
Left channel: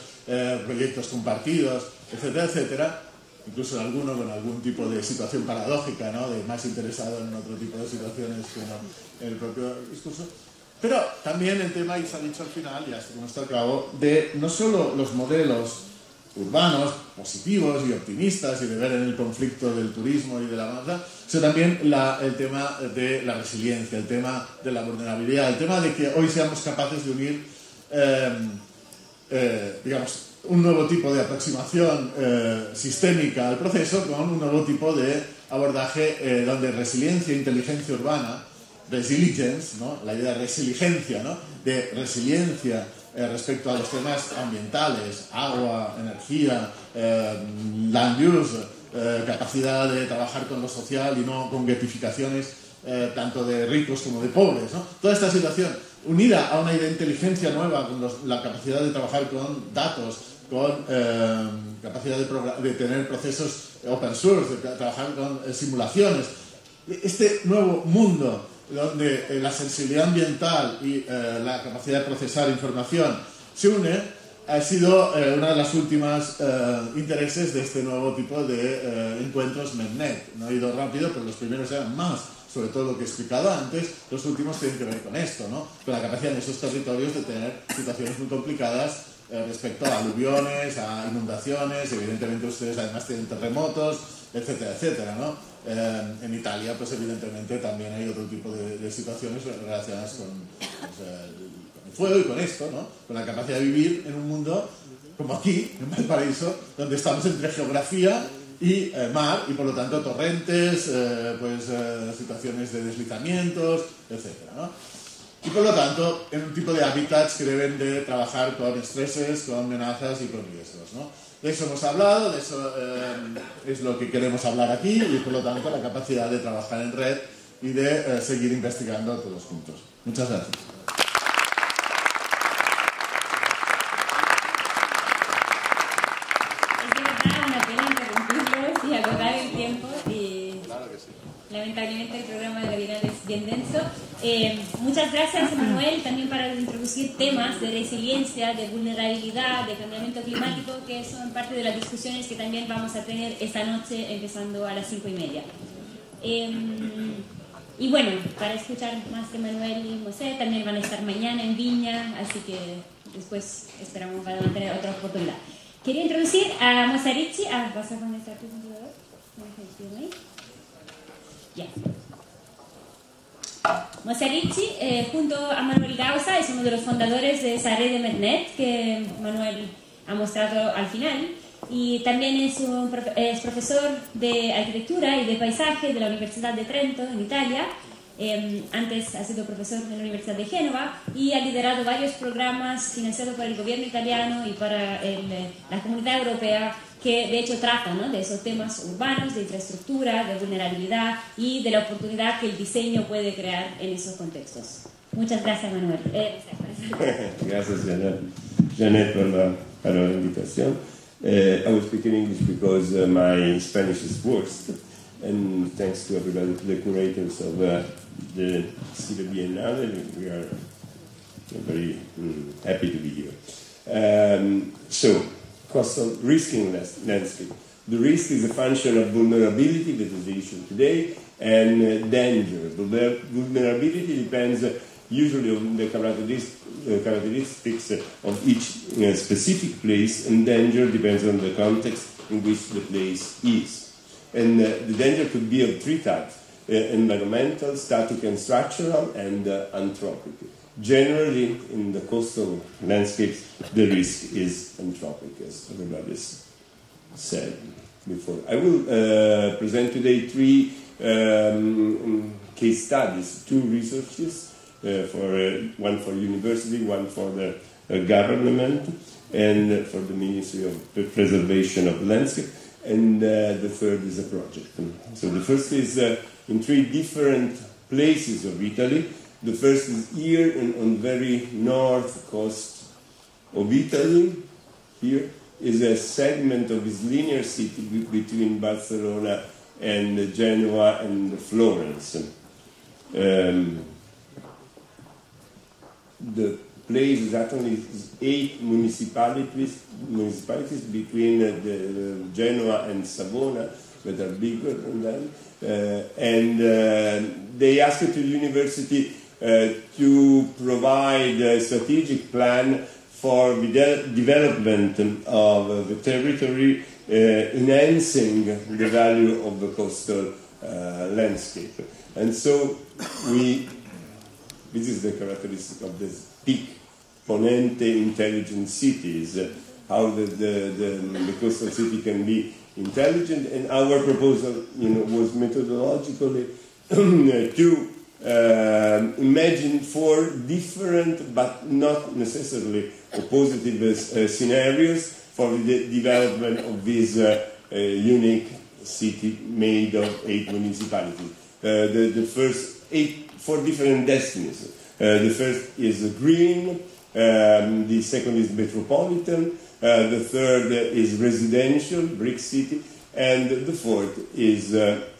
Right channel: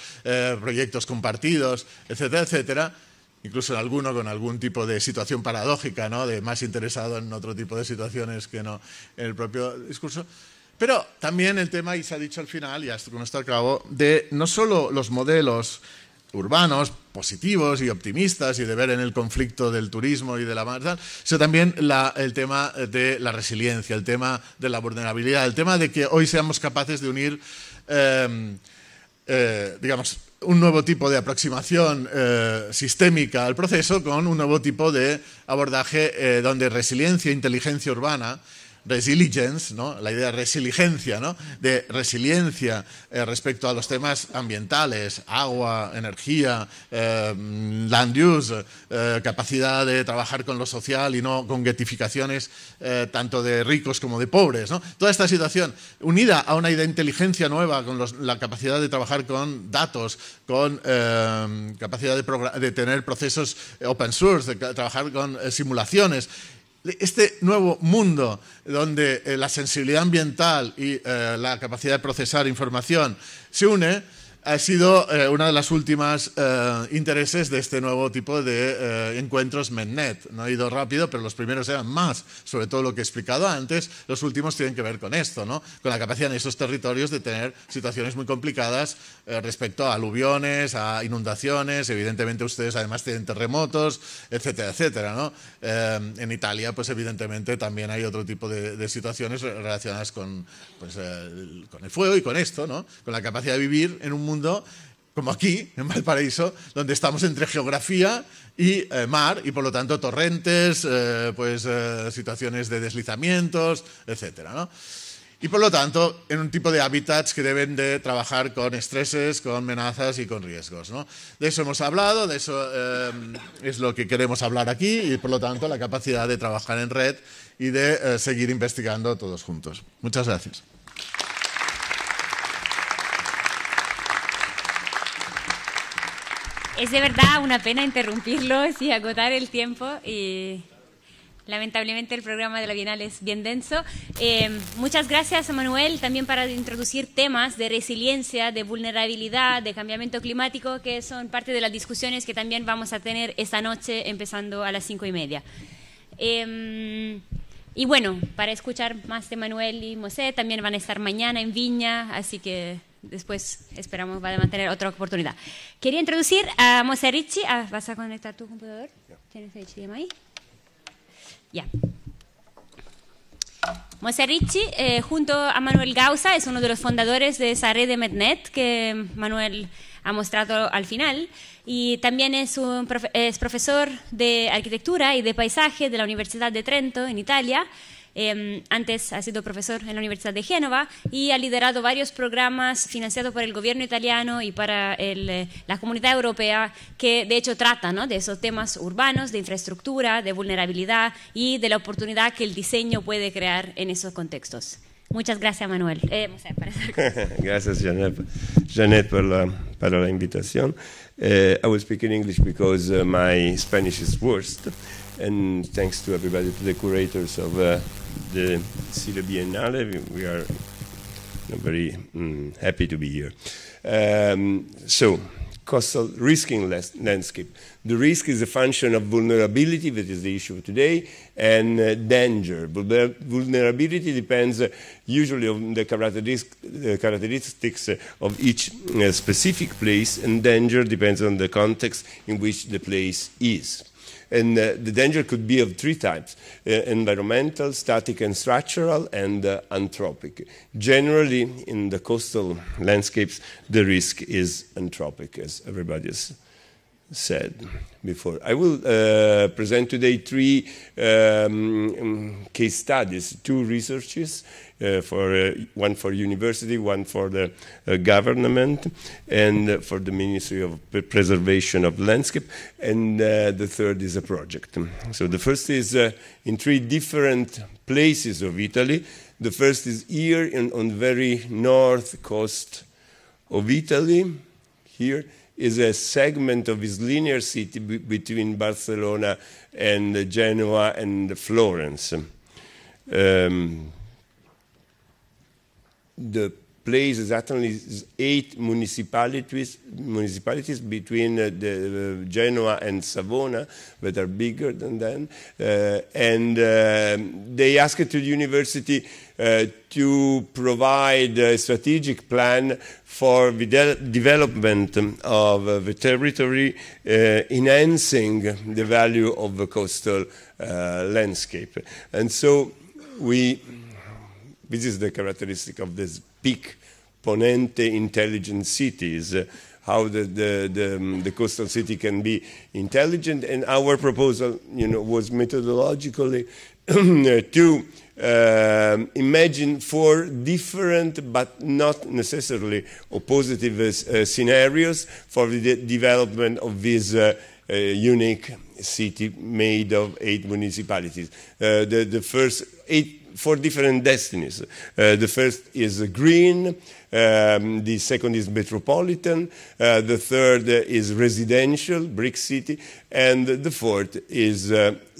proyectos compartidos, etcétera, etcétera, incluso en alguno con algún tipo de situación paradójica, ¿no?, de más interesado en otro tipo de situaciones que no en el propio discurso. Pero también el tema, y se ha dicho al final, y hasta con esto acabo, de no solo los modelos urbanos, positivos y optimistas, y de ver en el conflicto del turismo y de la masa, sino también el tema de la resiliencia, el tema de la vulnerabilidad, el tema de que hoy seamos capaces de unir, digamos, un nuevo tipo de aproximación sistémica al proceso con un nuevo tipo de abordaje donde resiliencia e inteligencia urbana, resilience, ¿no?, la idea de resiliencia, ¿no?, de resiliencia respecto a los temas ambientales, agua, energía, land use, capacidad de trabajar con lo social y no con guetificaciones tanto de ricos como de pobres, ¿no? Toda esta situación unida a una idea de inteligencia nueva, con la capacidad de trabajar con datos, con capacidad de tener procesos open source, de trabajar con simulaciones, este nuevo mundo donde la sensibilidad ambiental y la capacidad de procesar información se une, ha sido una de las últimas intereses de este nuevo tipo de encuentros MedNet. No ha ido rápido, pero los primeros eran más, sobre todo lo que he explicado antes. Los últimos tienen que ver con esto, ¿no? Con la capacidad de esos territorios de tener situaciones muy complicadas respecto a aluviones, a inundaciones. Evidentemente ustedes además tienen terremotos, etcétera, etcétera, ¿no? En Italia, pues evidentemente también hay otro tipo de situaciones relacionadas con el fuego y con esto, ¿no? Con la capacidad de vivir en un mundo como aquí, en Valparaíso, donde estamos entre geografía y mar, y por lo tanto torrentes, situaciones de deslizamientos, etcétera, ¿no? Y por lo tanto, en un tipo de hábitats que deben de trabajar con estreses, con amenazas y con riesgos, ¿no? De eso hemos hablado, de eso es lo que queremos hablar aquí, y por lo tanto la capacidad de trabajar en red y de seguir investigando todos juntos. Muchas gracias. Es de verdad una pena interrumpirlos y acotar el tiempo. Lamentablemente el programa de la Bienal es bien denso. Muchas gracias, Manuel, también para introducir temas de resiliencia, de vulnerabilidad, de cambiamiento climático, que son parte de las discusiones que también vamos a tener esta noche, empezando a las 5:30. Y bueno, para escuchar más de Manuel y José, también van a estar mañana en Viña, así que después esperamos van a tener otra oportunidad. Quería introducir a Mosè Ricci. ¿Vas a conectar tu computador? ¿Tienes el chino ahí? Ya. Mosè Ricci, junto a Manuel Gausa, es uno de los fundadores de esa red de MedNet que Manuel ha mostrado al final. Y también es profesor de arquitectura y de paisaje de la Universidad de Trento, en Italia. Antes ha sido profesor en la Universidad de Génova y ha liderado varios programas financiados por el gobierno italiano y para la comunidad europea que de hecho tratan, ¿no?, de esos temas urbanos, de infraestructura, de vulnerabilidad y de la oportunidad que el diseño puede crear en esos contextos. Muchas gracias, Manuel. Gracias, Janet, por la invitación. I will speak in English because my Spanish is worst. And thanks to everybody, to the curators of the Sile Biennale, we are very happy to be here. So, coastal risking landscape. The risk is a function of vulnerability, that is the issue today, and danger. Vulnerability depends usually on the characteristics of each specific place, and danger depends on the context in which the place is. And the danger could be of three types: environmental, static and structural, and anthropic. Generally, in the coastal landscapes, the risk is anthropic, as everybody has said before. I will present today three case studies, two researches, one for university, one for the government, and for the Ministry of Preservation of Landscape, and the third is a project. So the first is in three different places of Italy. The first is here on the very north coast of Italy. Here is a segment of this linear city between Barcelona and Genoa and Florence. The place is actually 8 municipalities between Genoa and Savona that are bigger than them, and they asked the university to provide a strategic plan for the development of the territory, enhancing the value of the coastal landscape. And so this is the characteristic of this peak ponente intelligent cities, how the coastal city can be intelligent. And our proposal, was methodologically to imagine 4 different but not necessarily oppositive scenarios for the development of this unique city made of 8 municipalities. The first 4 different destinies. The first is green, the second is metropolitan, the third is residential, brick city, and the fourth is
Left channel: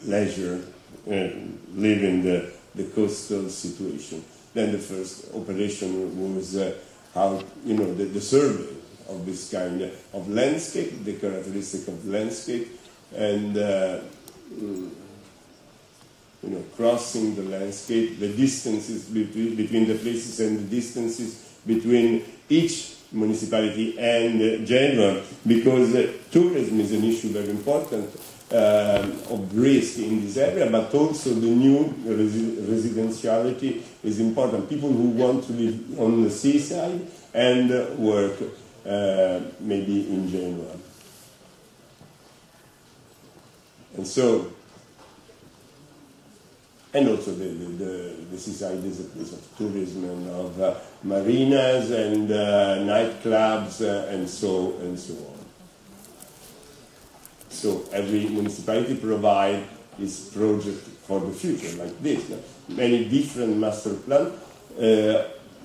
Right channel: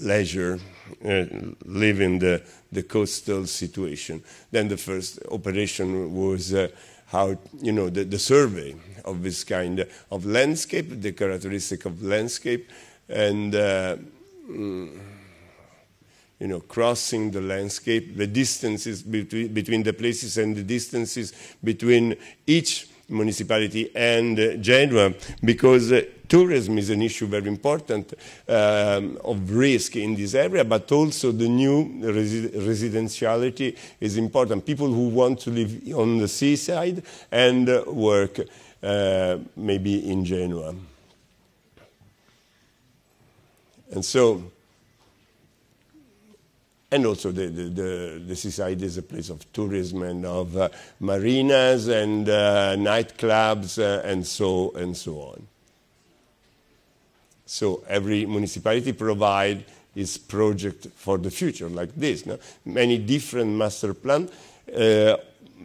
leisure live in the coastal situation. Then the first operation was how, you know, the survey of this kind of landscape, the characteristic of landscape, and you know, crossing the landscape, the distances between the places and the distances between each municipality and Genoa, because tourism is an issue very important of risk in this area, but also the new residentiality is important. People who want to live on the seaside and work maybe in Genoa. And so, and also the seaside is a place of tourism and of marinas and nightclubs and so on. So every municipality provides its project for the future, like this. No? Many different master plans,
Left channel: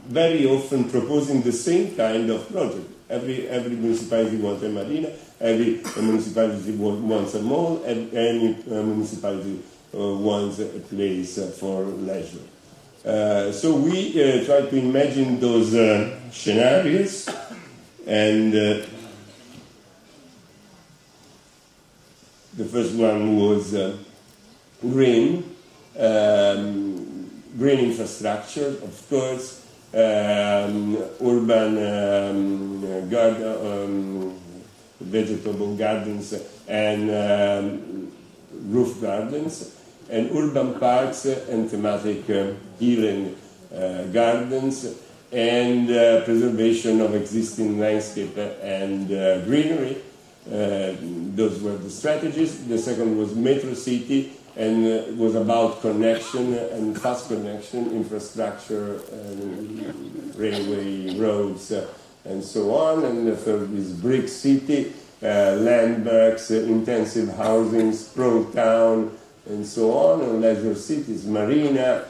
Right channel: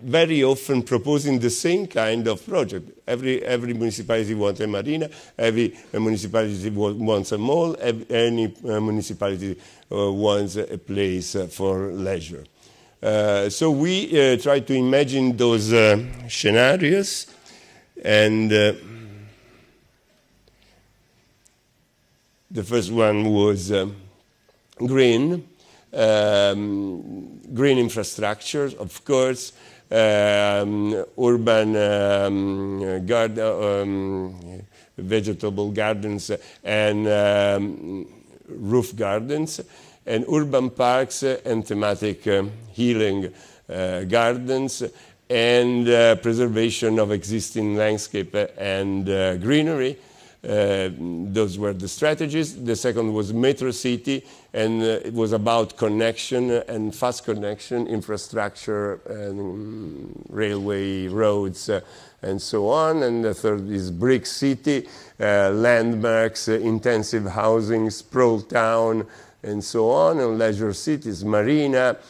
very often proposing the same kind of project. Every municipality wants a marina, every municipality wants a mall, any municipality wants a place for leisure. So we try to imagine those scenarios, and the first one was green infrastructure, of course, urban vegetable gardens and roof gardens, and urban parks and thematic healing gardens, and preservation of existing landscape and greenery. Those were the strategies. The second was Metro City, and it was about connection and fast connection, infrastructure, and railway, roads, and so on. And the third is Brick City, landmarks, intensive housing, sprawl town, and so on. And leisure cities, marina,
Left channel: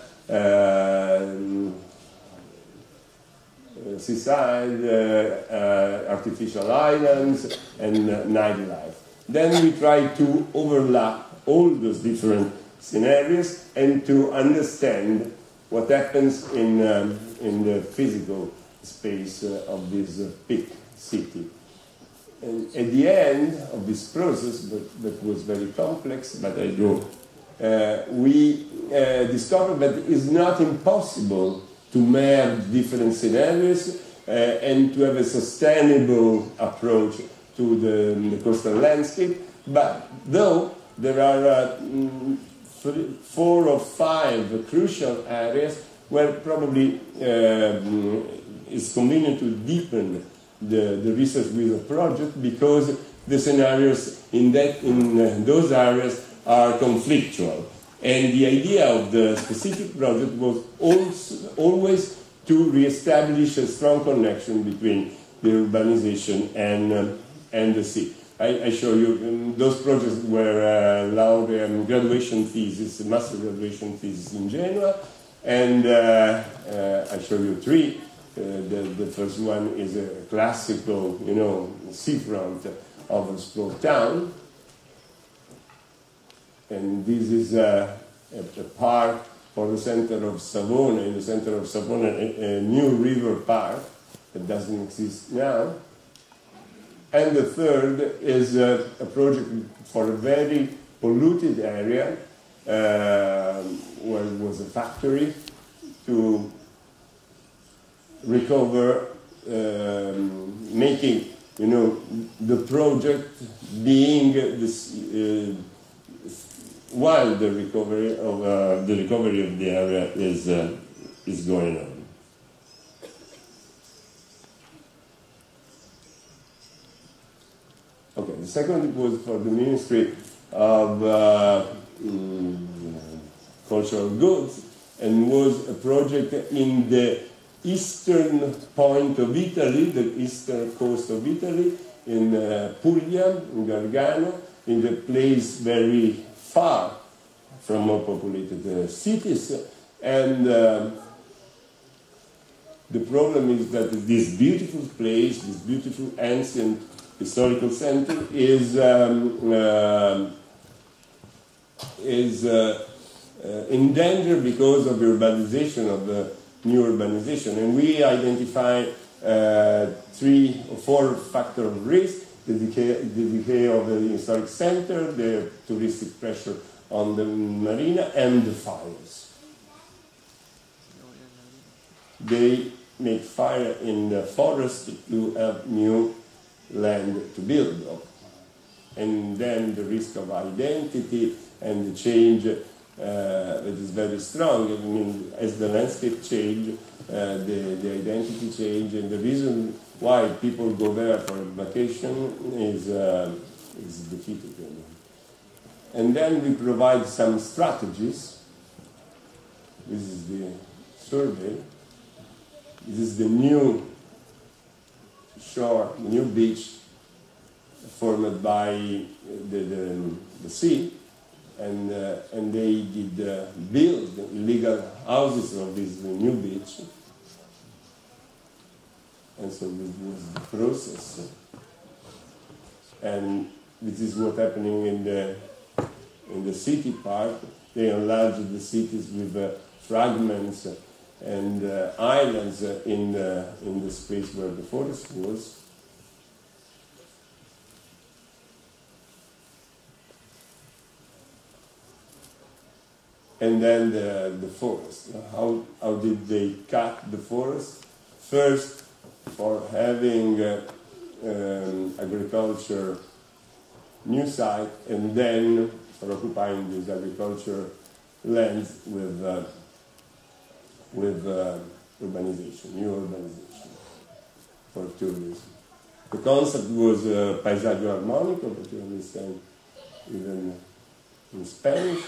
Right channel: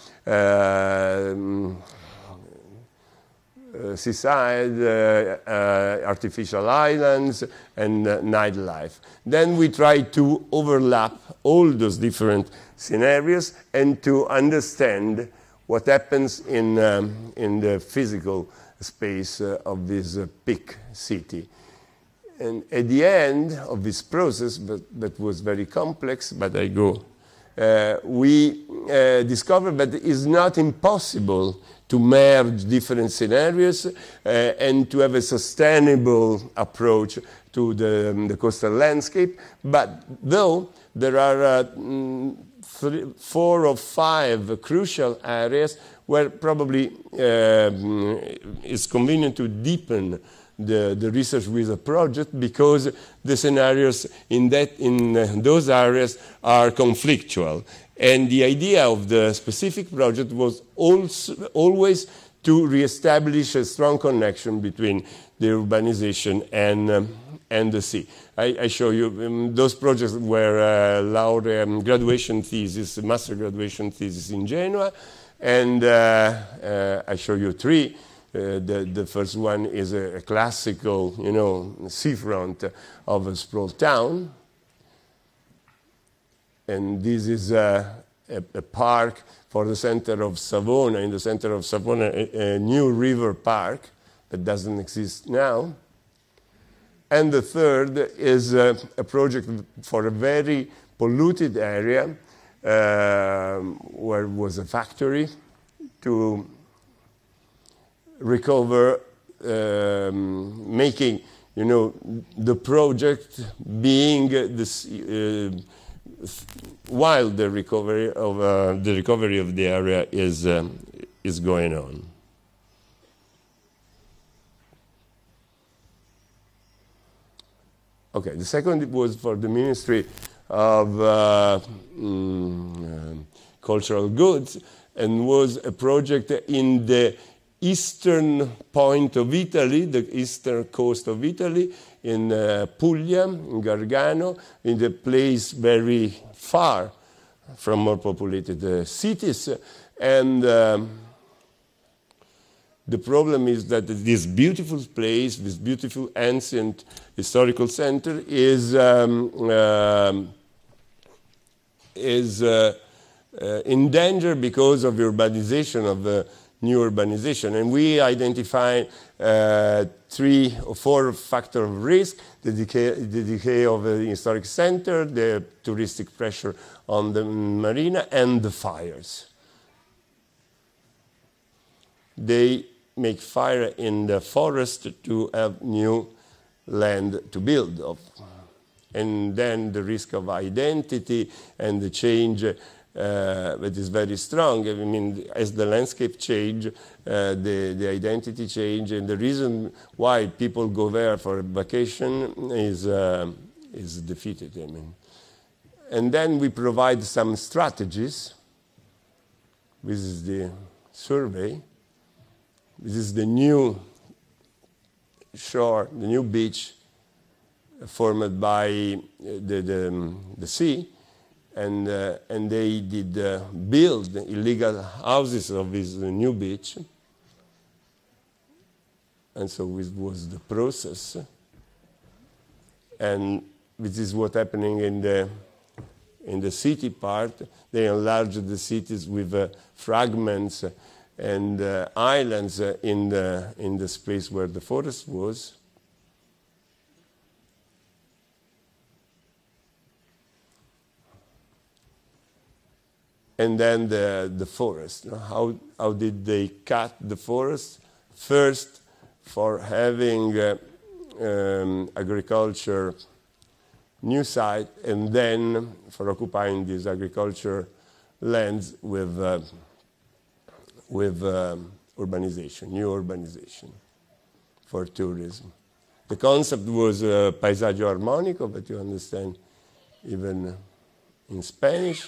seaside, artificial islands, and nightlife. Then we try to overlap all those different scenarios and to understand what happens in the physical space of this big city. And at the end of this process, that was very complex, but I go, we discovered that it is not impossible to merge different scenarios and to have a sustainable approach to the coastal landscape. But though there are 4 or 5 crucial areas where probably it's convenient to deepen the research with a project, because the scenarios in those areas are conflictual. And the idea of the specific project was always to reestablish a strong connection between the urbanization and the sea. I show you those projects were graduation thesis, master graduation thesis in Genoa, and I show you 3. The first one is a classical, you know, seafront of a sprawl town. And this is a park for the center of Savona. In the center of Savona, a new river park that doesn't exist now. And the third is a project for a very polluted area where was a factory to recover, making, you know, the project being this. While the recovery of the area is going on. Okay, the second was for the Ministry of Cultural Goods, and was a project in the eastern point of Italy, the eastern coast of Italy, in Puglia, in Gargano, in a place very far from more populated cities. And the problem is that this beautiful place, this beautiful ancient historical center is in danger because of urbanization, of the new urbanization. And we identify 3 or 4 factors of risk: the decay of the historic center, the touristic pressure on the marina, and the fires. They make fire in the forest to have new land to build on. And then the risk of identity and the change that is very strong. I mean, as the landscape change, the identity change, and the reason why people go there for vacation is defeated. I mean. And then we provide some strategies. This is the survey. This is the new shore, the new beach formed by the sea, and they did build illegal houses on this new beach, and so it was the process. And this is what's happening in the city part. They enlarge the cities with fragments and islands in the space where the forest was. And then the forest. How did they cut the forest? First, for having agriculture new site, and then for occupying these agriculture lands with urbanization, new urbanization for tourism. The concept was paesaggio armonico, but you understand even in Spanish.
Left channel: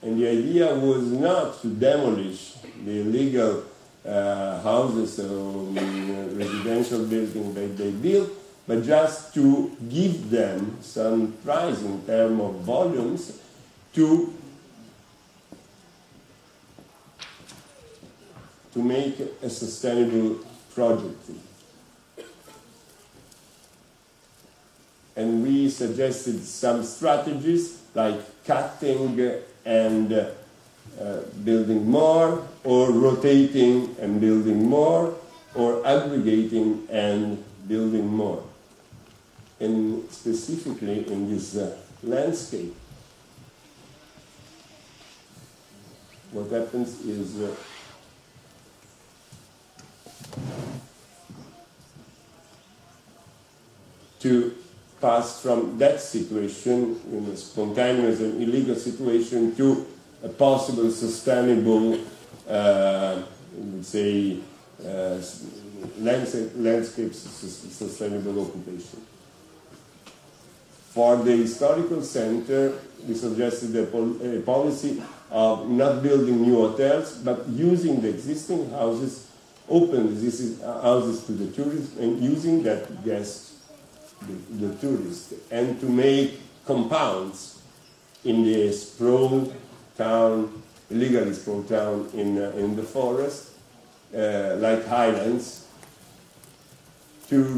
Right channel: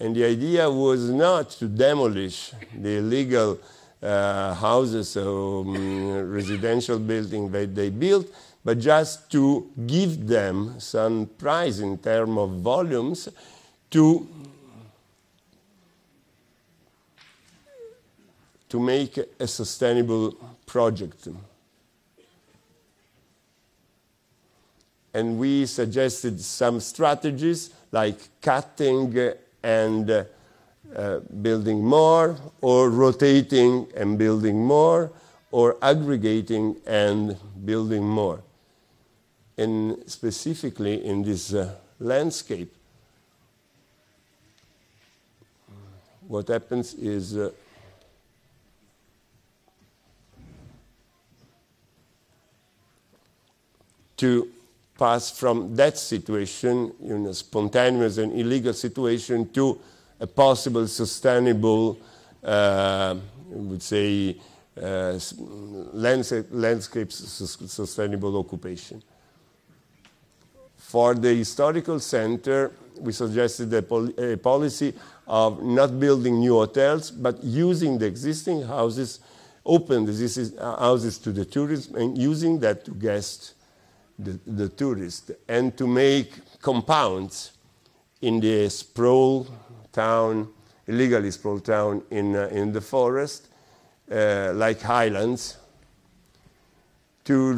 And the idea was not to demolish the illegal houses or residential buildings that they built, but just to give them some price in terms of volumes to make a sustainable project. And we suggested some strategies like cutting and building more, or rotating and building more, or aggregating and building more. And specifically in this landscape, what happens is to pass from that situation, spontaneous and illegal situation, to a possible sustainable, would say, landscape sustainable occupation. For the historical center, we suggested a policy of not building new hotels, but using the existing houses, open these houses to the tourists, and using that to guest the tourists, and to make compounds in the sprawl town, illegally sprawled town in the forest, like highlands, to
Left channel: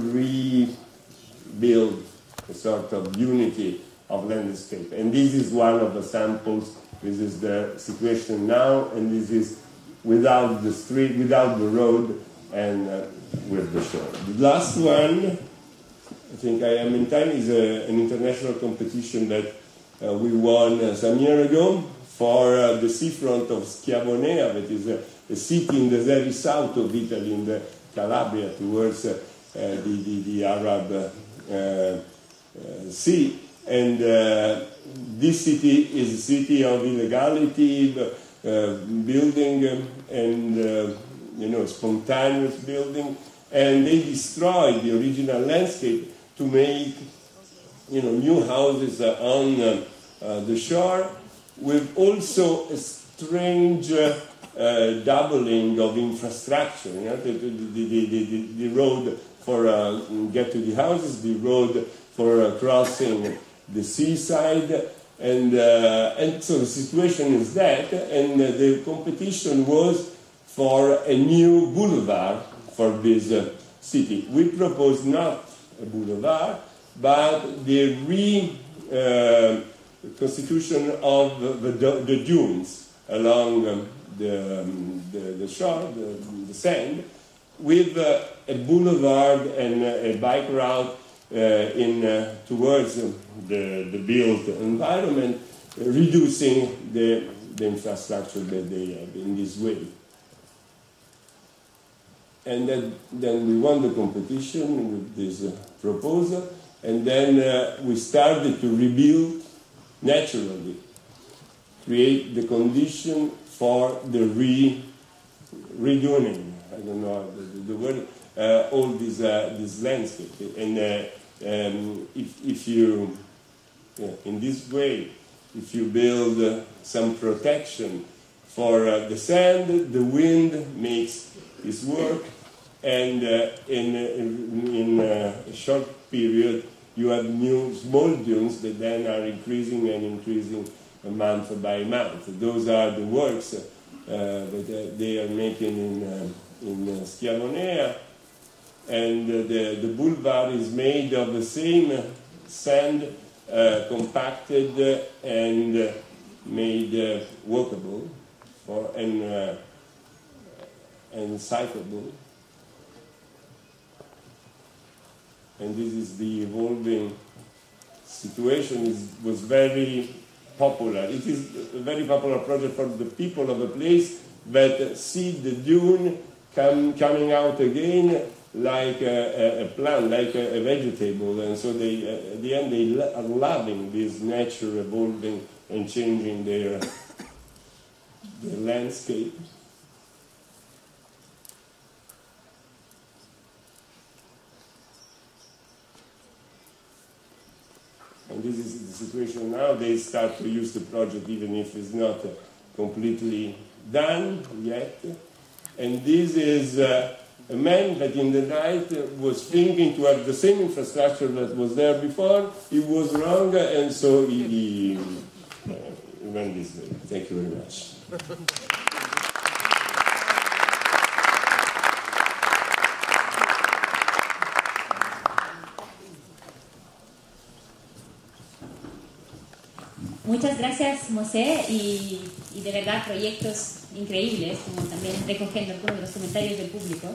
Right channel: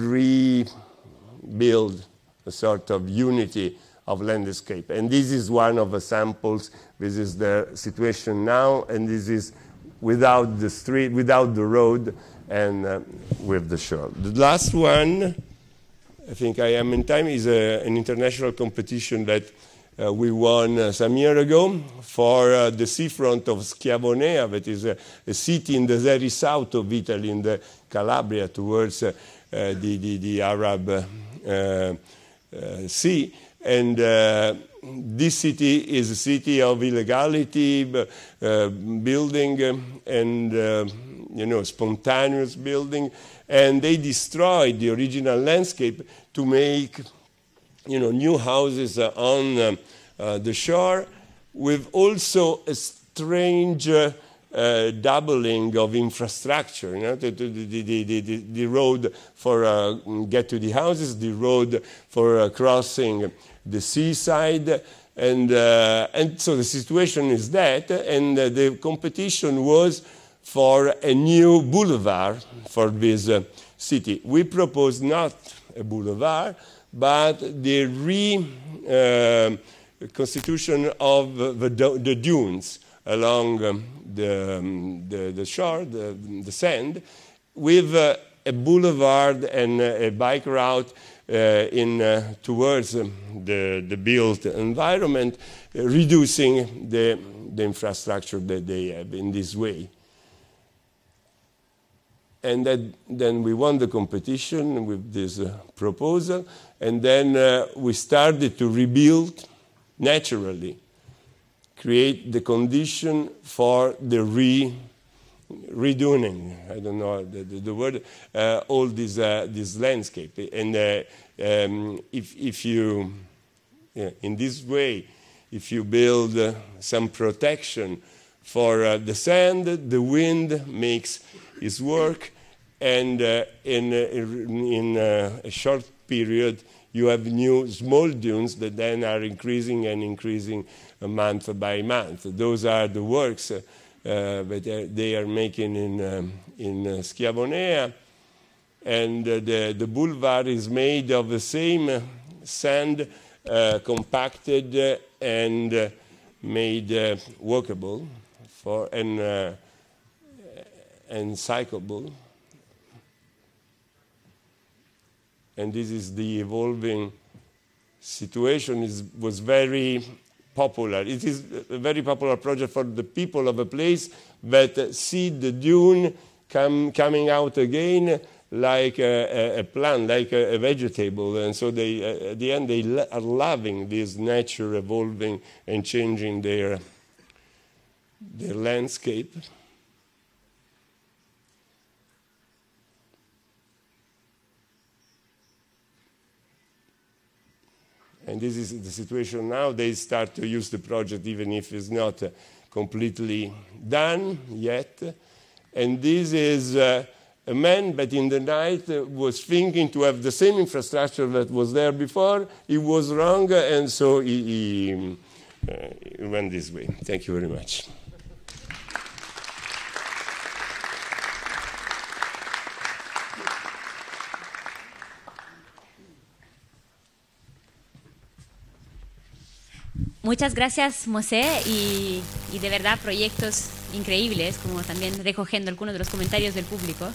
rebuild a sort of unity of landscape. And this is one of the samples. This is the situation now, and this is without the street, without the road, and with the shore. The last one, I think I am in time, is an international competition that we won some years ago for the seafront of Schiavonea, that is a city in the very south of Italy, in the Calabria, towards the Arab Sea. And this city is a city of illegality, building and spontaneous building, and they destroyed the original landscape to make new houses on the shore, with also a strange doubling of infrastructure. The road for get to the houses, the road for crossing the seaside, and so the situation is that, and the competition was for a new boulevard for this city. We proposed not a boulevard, but the constitution of the dunes along the shore, the sand, with a boulevard and a bike route towards the built environment, reducing the infrastructure that they have in this way. And then we won the competition with this proposal, and then we started to rebuild naturally, create the condition for the reduning, I don't know the word, all this landscape. And if you, in this way, if you build some protection for the sand, the wind makes its work, and in a short period you have new small dunes that then are increasing and increasing month by month. Those are the works that they are making in Schiavonea, and the boulevard is made of the same sand, compacted and made walkable and cyclable. And this is the evolving situation. Was very popular. It is a very popular project for the people of the place that see the dune coming out again like a plant, like a vegetable. And so they, at the end, they are loving this nature evolving and changing their landscape. And this is the situation now. They start to use the project even if it's not completely done yet. And this is a man that in the night was thinking to have the same infrastructure that was there before. He was wrong, and so he went this way. Thank you very much. Muchas gracias, Mosè, y de verdad proyectos increíbles, como también recogiendo algunos de los comentarios del público,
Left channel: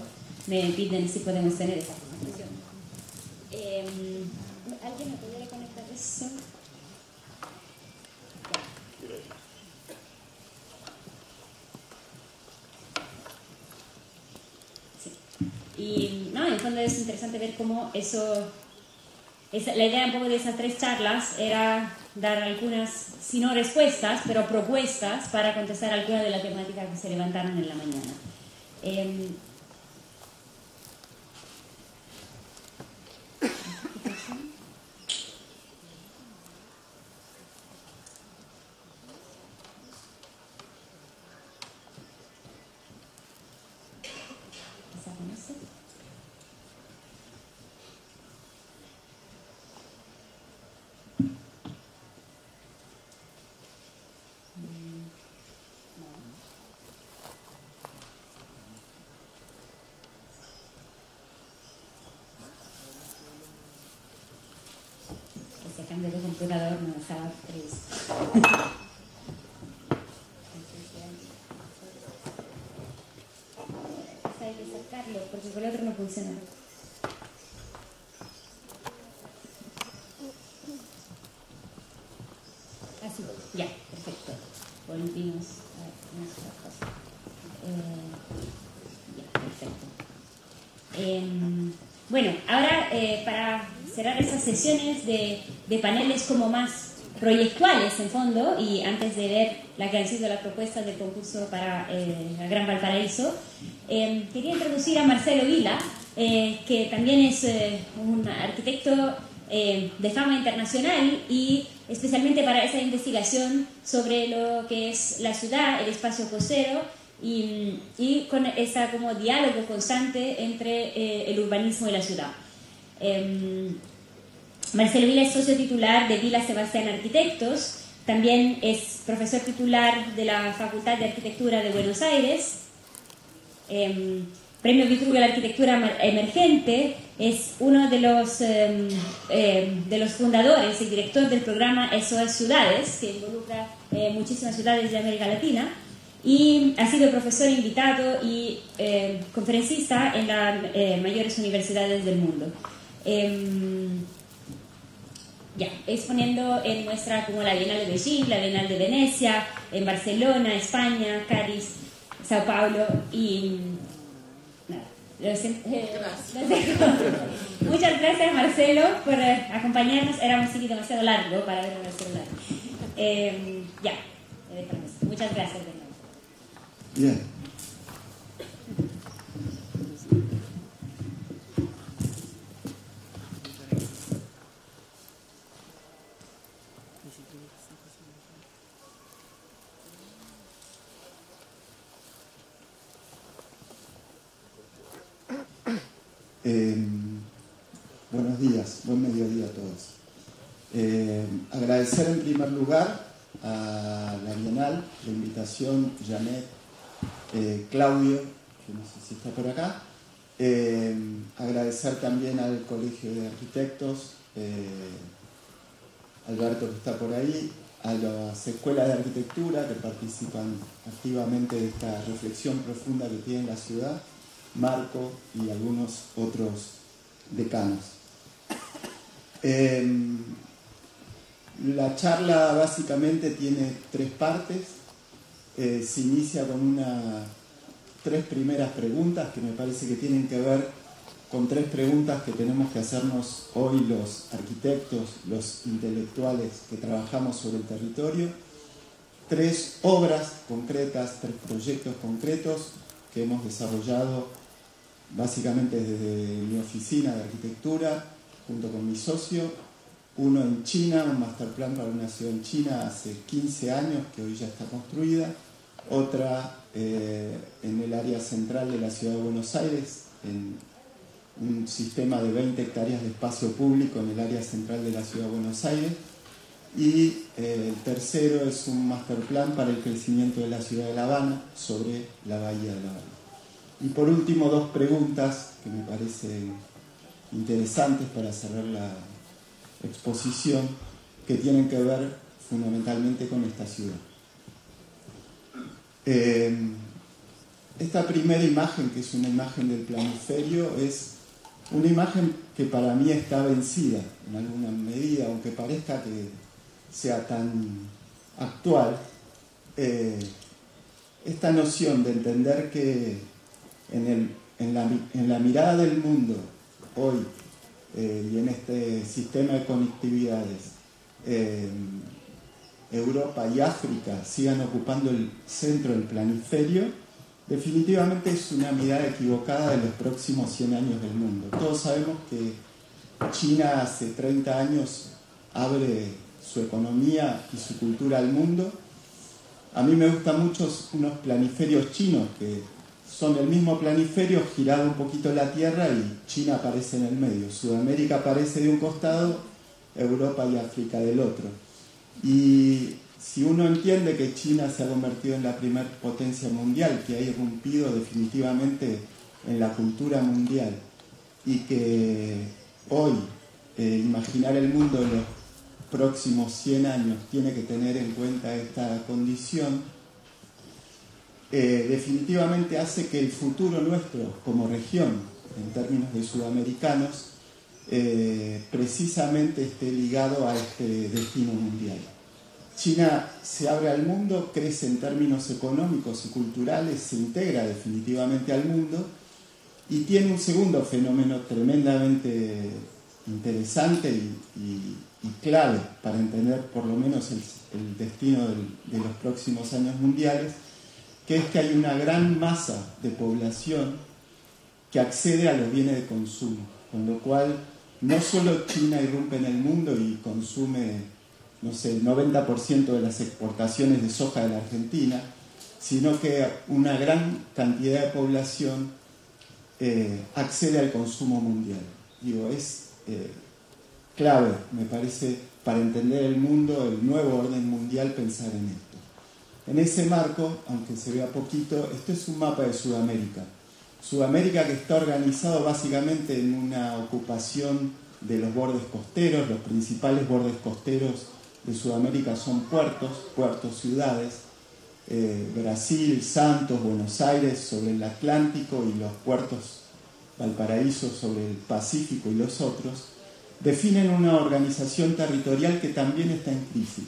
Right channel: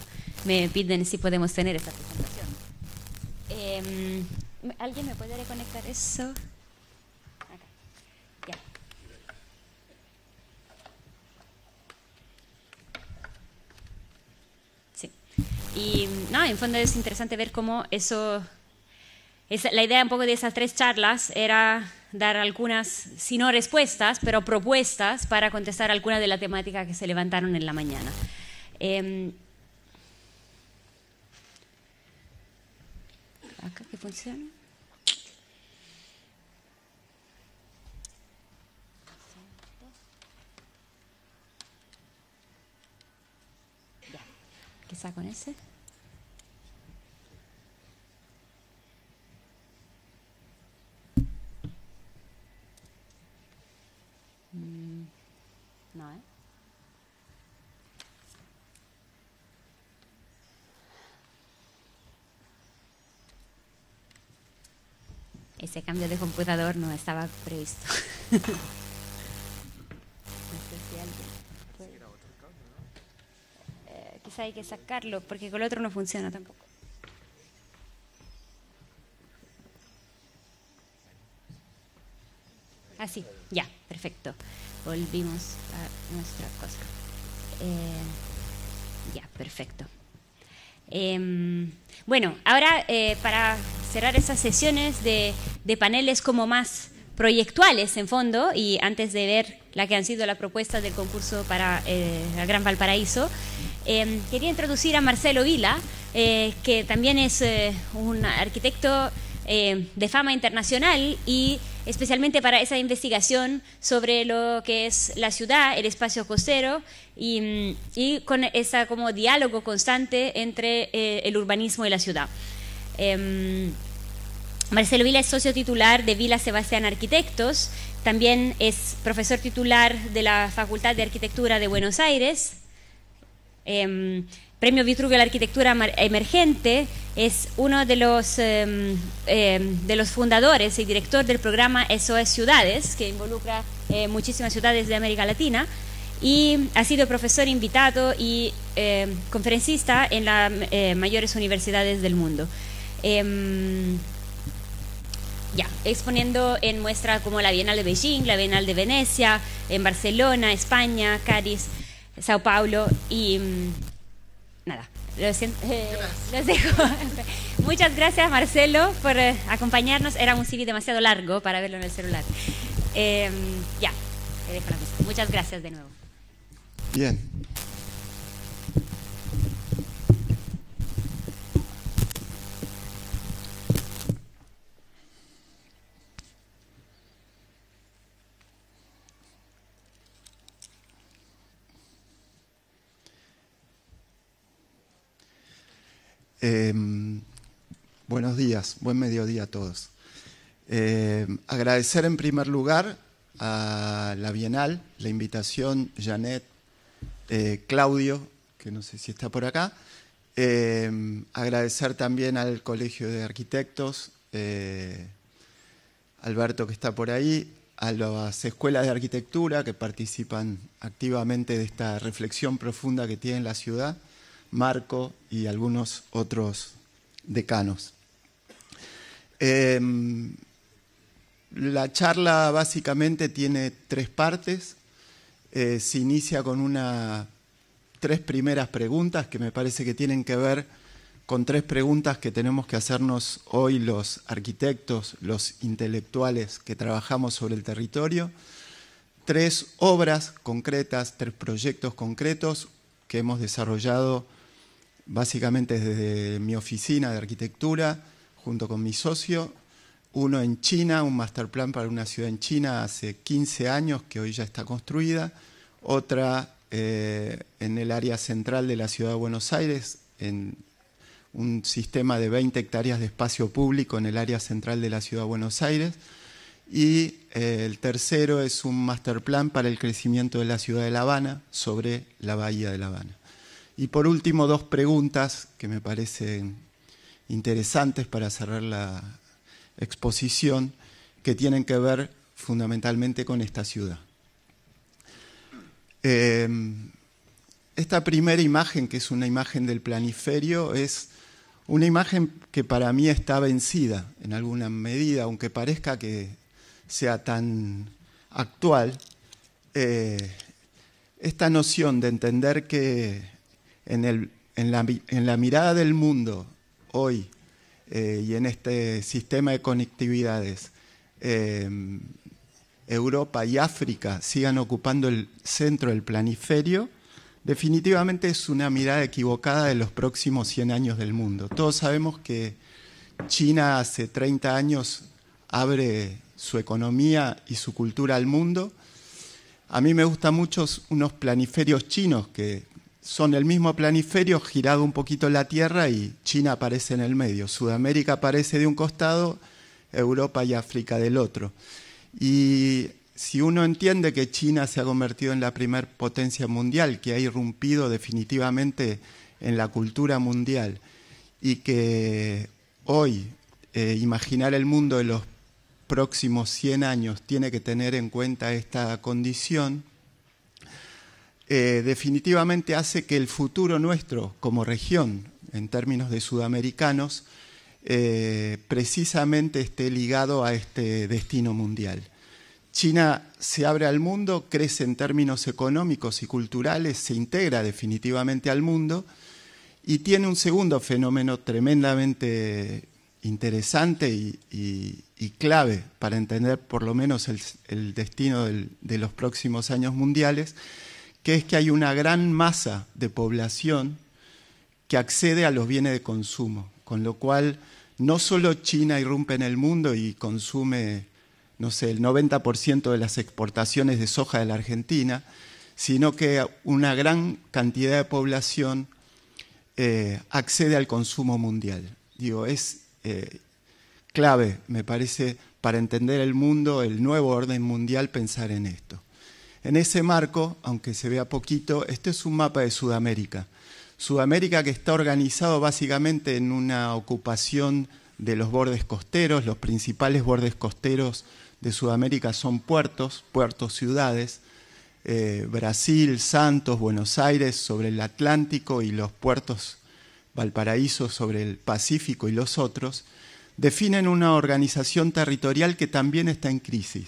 me piden si podemos tener esta presentación. ¿Alguien me puede reconectar eso? Sí. Y no, en el fondo es interesante ver cómo eso... la idea un poco de esas tres charlas era dar algunas, si no respuestas, pero propuestas para contestar algunas de las temáticas que se levantaron en la mañana. ¿Qué con ese? Ese cambio de computador no estaba previsto. Hay que sacarlo porque con el otro no funciona tampoco. Así, ya, perfecto. Volvimos a nuestra cosa. Ya, perfecto. Bueno, ahora para cerrar esas sesiones de paneles como más proyectuales en fondo, y antes de ver la que han sido la propuesta del concurso para el Gran Valparaíso, quería introducir a Marcelo Vila, que también es un arquitecto de fama internacional, y especialmente para esa investigación sobre lo que es la ciudad, el espacio costero, y con ese como diálogo constante entre el urbanismo y la ciudad. Marcelo Vila es socio titular de Vila Sebastián Arquitectos, también es profesor titular de la Facultad de Arquitectura de Buenos Aires, Premio Vitruvio a la Arquitectura Emergente, es uno de los fundadores y director del programa SOS Ciudades, que involucra muchísimas ciudades de América Latina, y ha sido profesor invitado y conferencista en las mayores universidades del mundo. Exponiendo en muestras como la Bienal de Beijing, la Bienal de Venecia, en Barcelona, España, Cádiz, Sao Paulo y nada, los dejo. Muchas gracias, Marcelo, por acompañarnos. Era un CD demasiado largo para verlo en el celular. Te dejo la mesa. Muchas gracias de nuevo. Bien. Buenos días, buen mediodía a todos. Agradecer en primer lugar a la Bienal, la invitación, Janet, Claudio, que no sé si está por acá. Agradecer también al Colegio de Arquitectos, Alberto que está por ahí, a las escuelas de arquitectura que participan activamente de esta reflexión profunda que tiene la ciudad, Marco y algunos otros decanos. La charla básicamente tiene tres partes. Se inicia con tres primeras preguntas que me parece que tienen que ver con tres preguntas que tenemos que hacernos hoy los arquitectos, los intelectuales que trabajamos sobre el territorio. Tres obras concretas, tres proyectos concretos que hemos desarrollado básicamente desde mi oficina de arquitectura, junto con mi socio. Uno en China, un master plan para una ciudad en China hace 15 años, que hoy ya está construida. Otra en el área central de la ciudad de Buenos Aires, en un sistema de 20 hectáreas de espacio público en el área central de la ciudad de Buenos Aires. Y el tercero es un master plan para el crecimiento de la ciudad de La Habana, sobre la bahía de La Habana. Y por último, dos preguntas que me parecen interesantes para cerrar la exposición, que tienen que ver fundamentalmente con esta ciudad. Esta primera imagen, que es una imagen del planiferio, es una imagen que para mí está vencida en alguna medida, aunque parezca que sea tan actual. Esta noción de entender que en la mirada del mundo hoy y en este sistema de conectividades, Europa y África sigan ocupando el centro del planiferio, definitivamente es una mirada equivocada de los próximos 100 años del mundo. Todos sabemos que China hace 30 años abre su economía y su cultura al mundo. A mí me gustan mucho unos planiferios chinos que son el mismo planiferio girado un poquito en la Tierra y China aparece en el medio. Sudamérica aparece de un costado, Europa y África del otro. Y si uno entiende que China se ha convertido en la primer potencia mundial, que ha irrumpido definitivamente en la cultura mundial y que hoy imaginar el mundo en los próximos 100 años tiene que tener en cuenta esta condición, definitivamente hace que el futuro nuestro como región, en términos de sudamericanos, precisamente esté ligado a este destino mundial. China se abre al mundo, crece en términos económicos y culturales, se integra definitivamente al mundo y tiene un segundo fenómeno tremendamente interesante y clave para entender por lo menos el destino de los próximos años mundiales, que es que hay una gran masa de población que accede a los bienes de consumo, con lo cual no solo China irrumpe en el mundo y consume, no sé, el 90% de las exportaciones de soja de la Argentina, sino que una gran cantidad de población accede al consumo mundial. Digo, es clave, me parece, para entender el mundo, el nuevo orden mundial, pensar en esto. En ese marco, aunque se vea poquito, este es un mapa de Sudamérica. Sudamérica que está organizado básicamente en una ocupación de los bordes costeros. Los principales bordes costeros de Sudamérica son puertos, ciudades. Brasil, Santos, Buenos Aires sobre el Atlántico y los puertos Valparaíso sobre el Pacífico y los otros, definen una organización territorial que también está en crisis.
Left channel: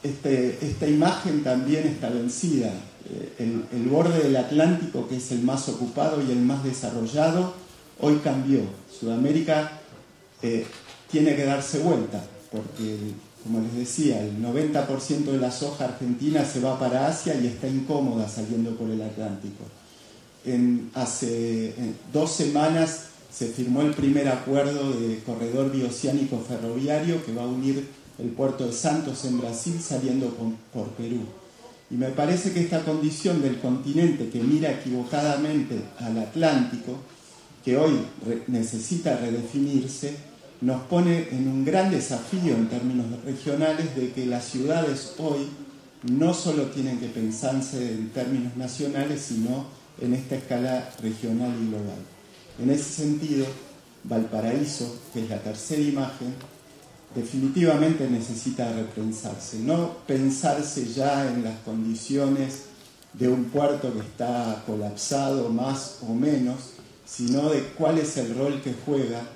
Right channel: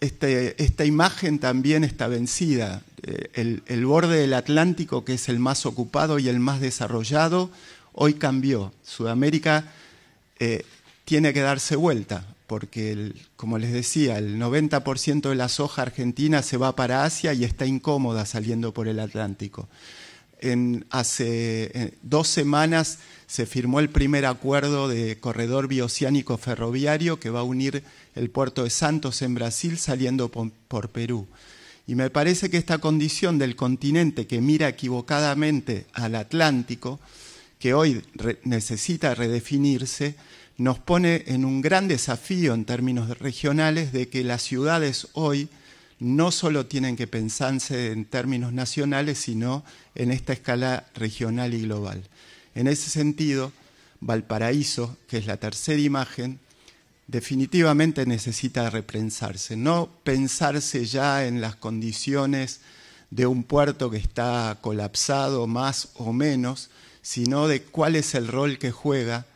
Esta imagen también está vencida. El borde del Atlántico, que es el más ocupado y el más desarrollado, hoy cambió. Sudamérica tiene que darse vuelta, porque, como les decía, el 90% de la soja argentina se va para Asia y está incómoda saliendo por el Atlántico. Hace 2 semanas se firmó el primer acuerdo de corredor bioceánico ferroviario que va a unir el puerto de Santos en Brasil saliendo por Perú. Y me parece que esta condición del continente que mira equivocadamente al Atlántico, que hoy necesita redefinirse, nos pone en un gran desafío en términos regionales de que las ciudades hoy no solo tienen que pensarse en términos nacionales, sino en esta escala regional y global. En ese sentido, Valparaíso, que es la tercera imagen, definitivamente necesita repensarse, no pensarse ya en las condiciones de un puerto que está colapsado más o menos, sino de cuál es el rol que juega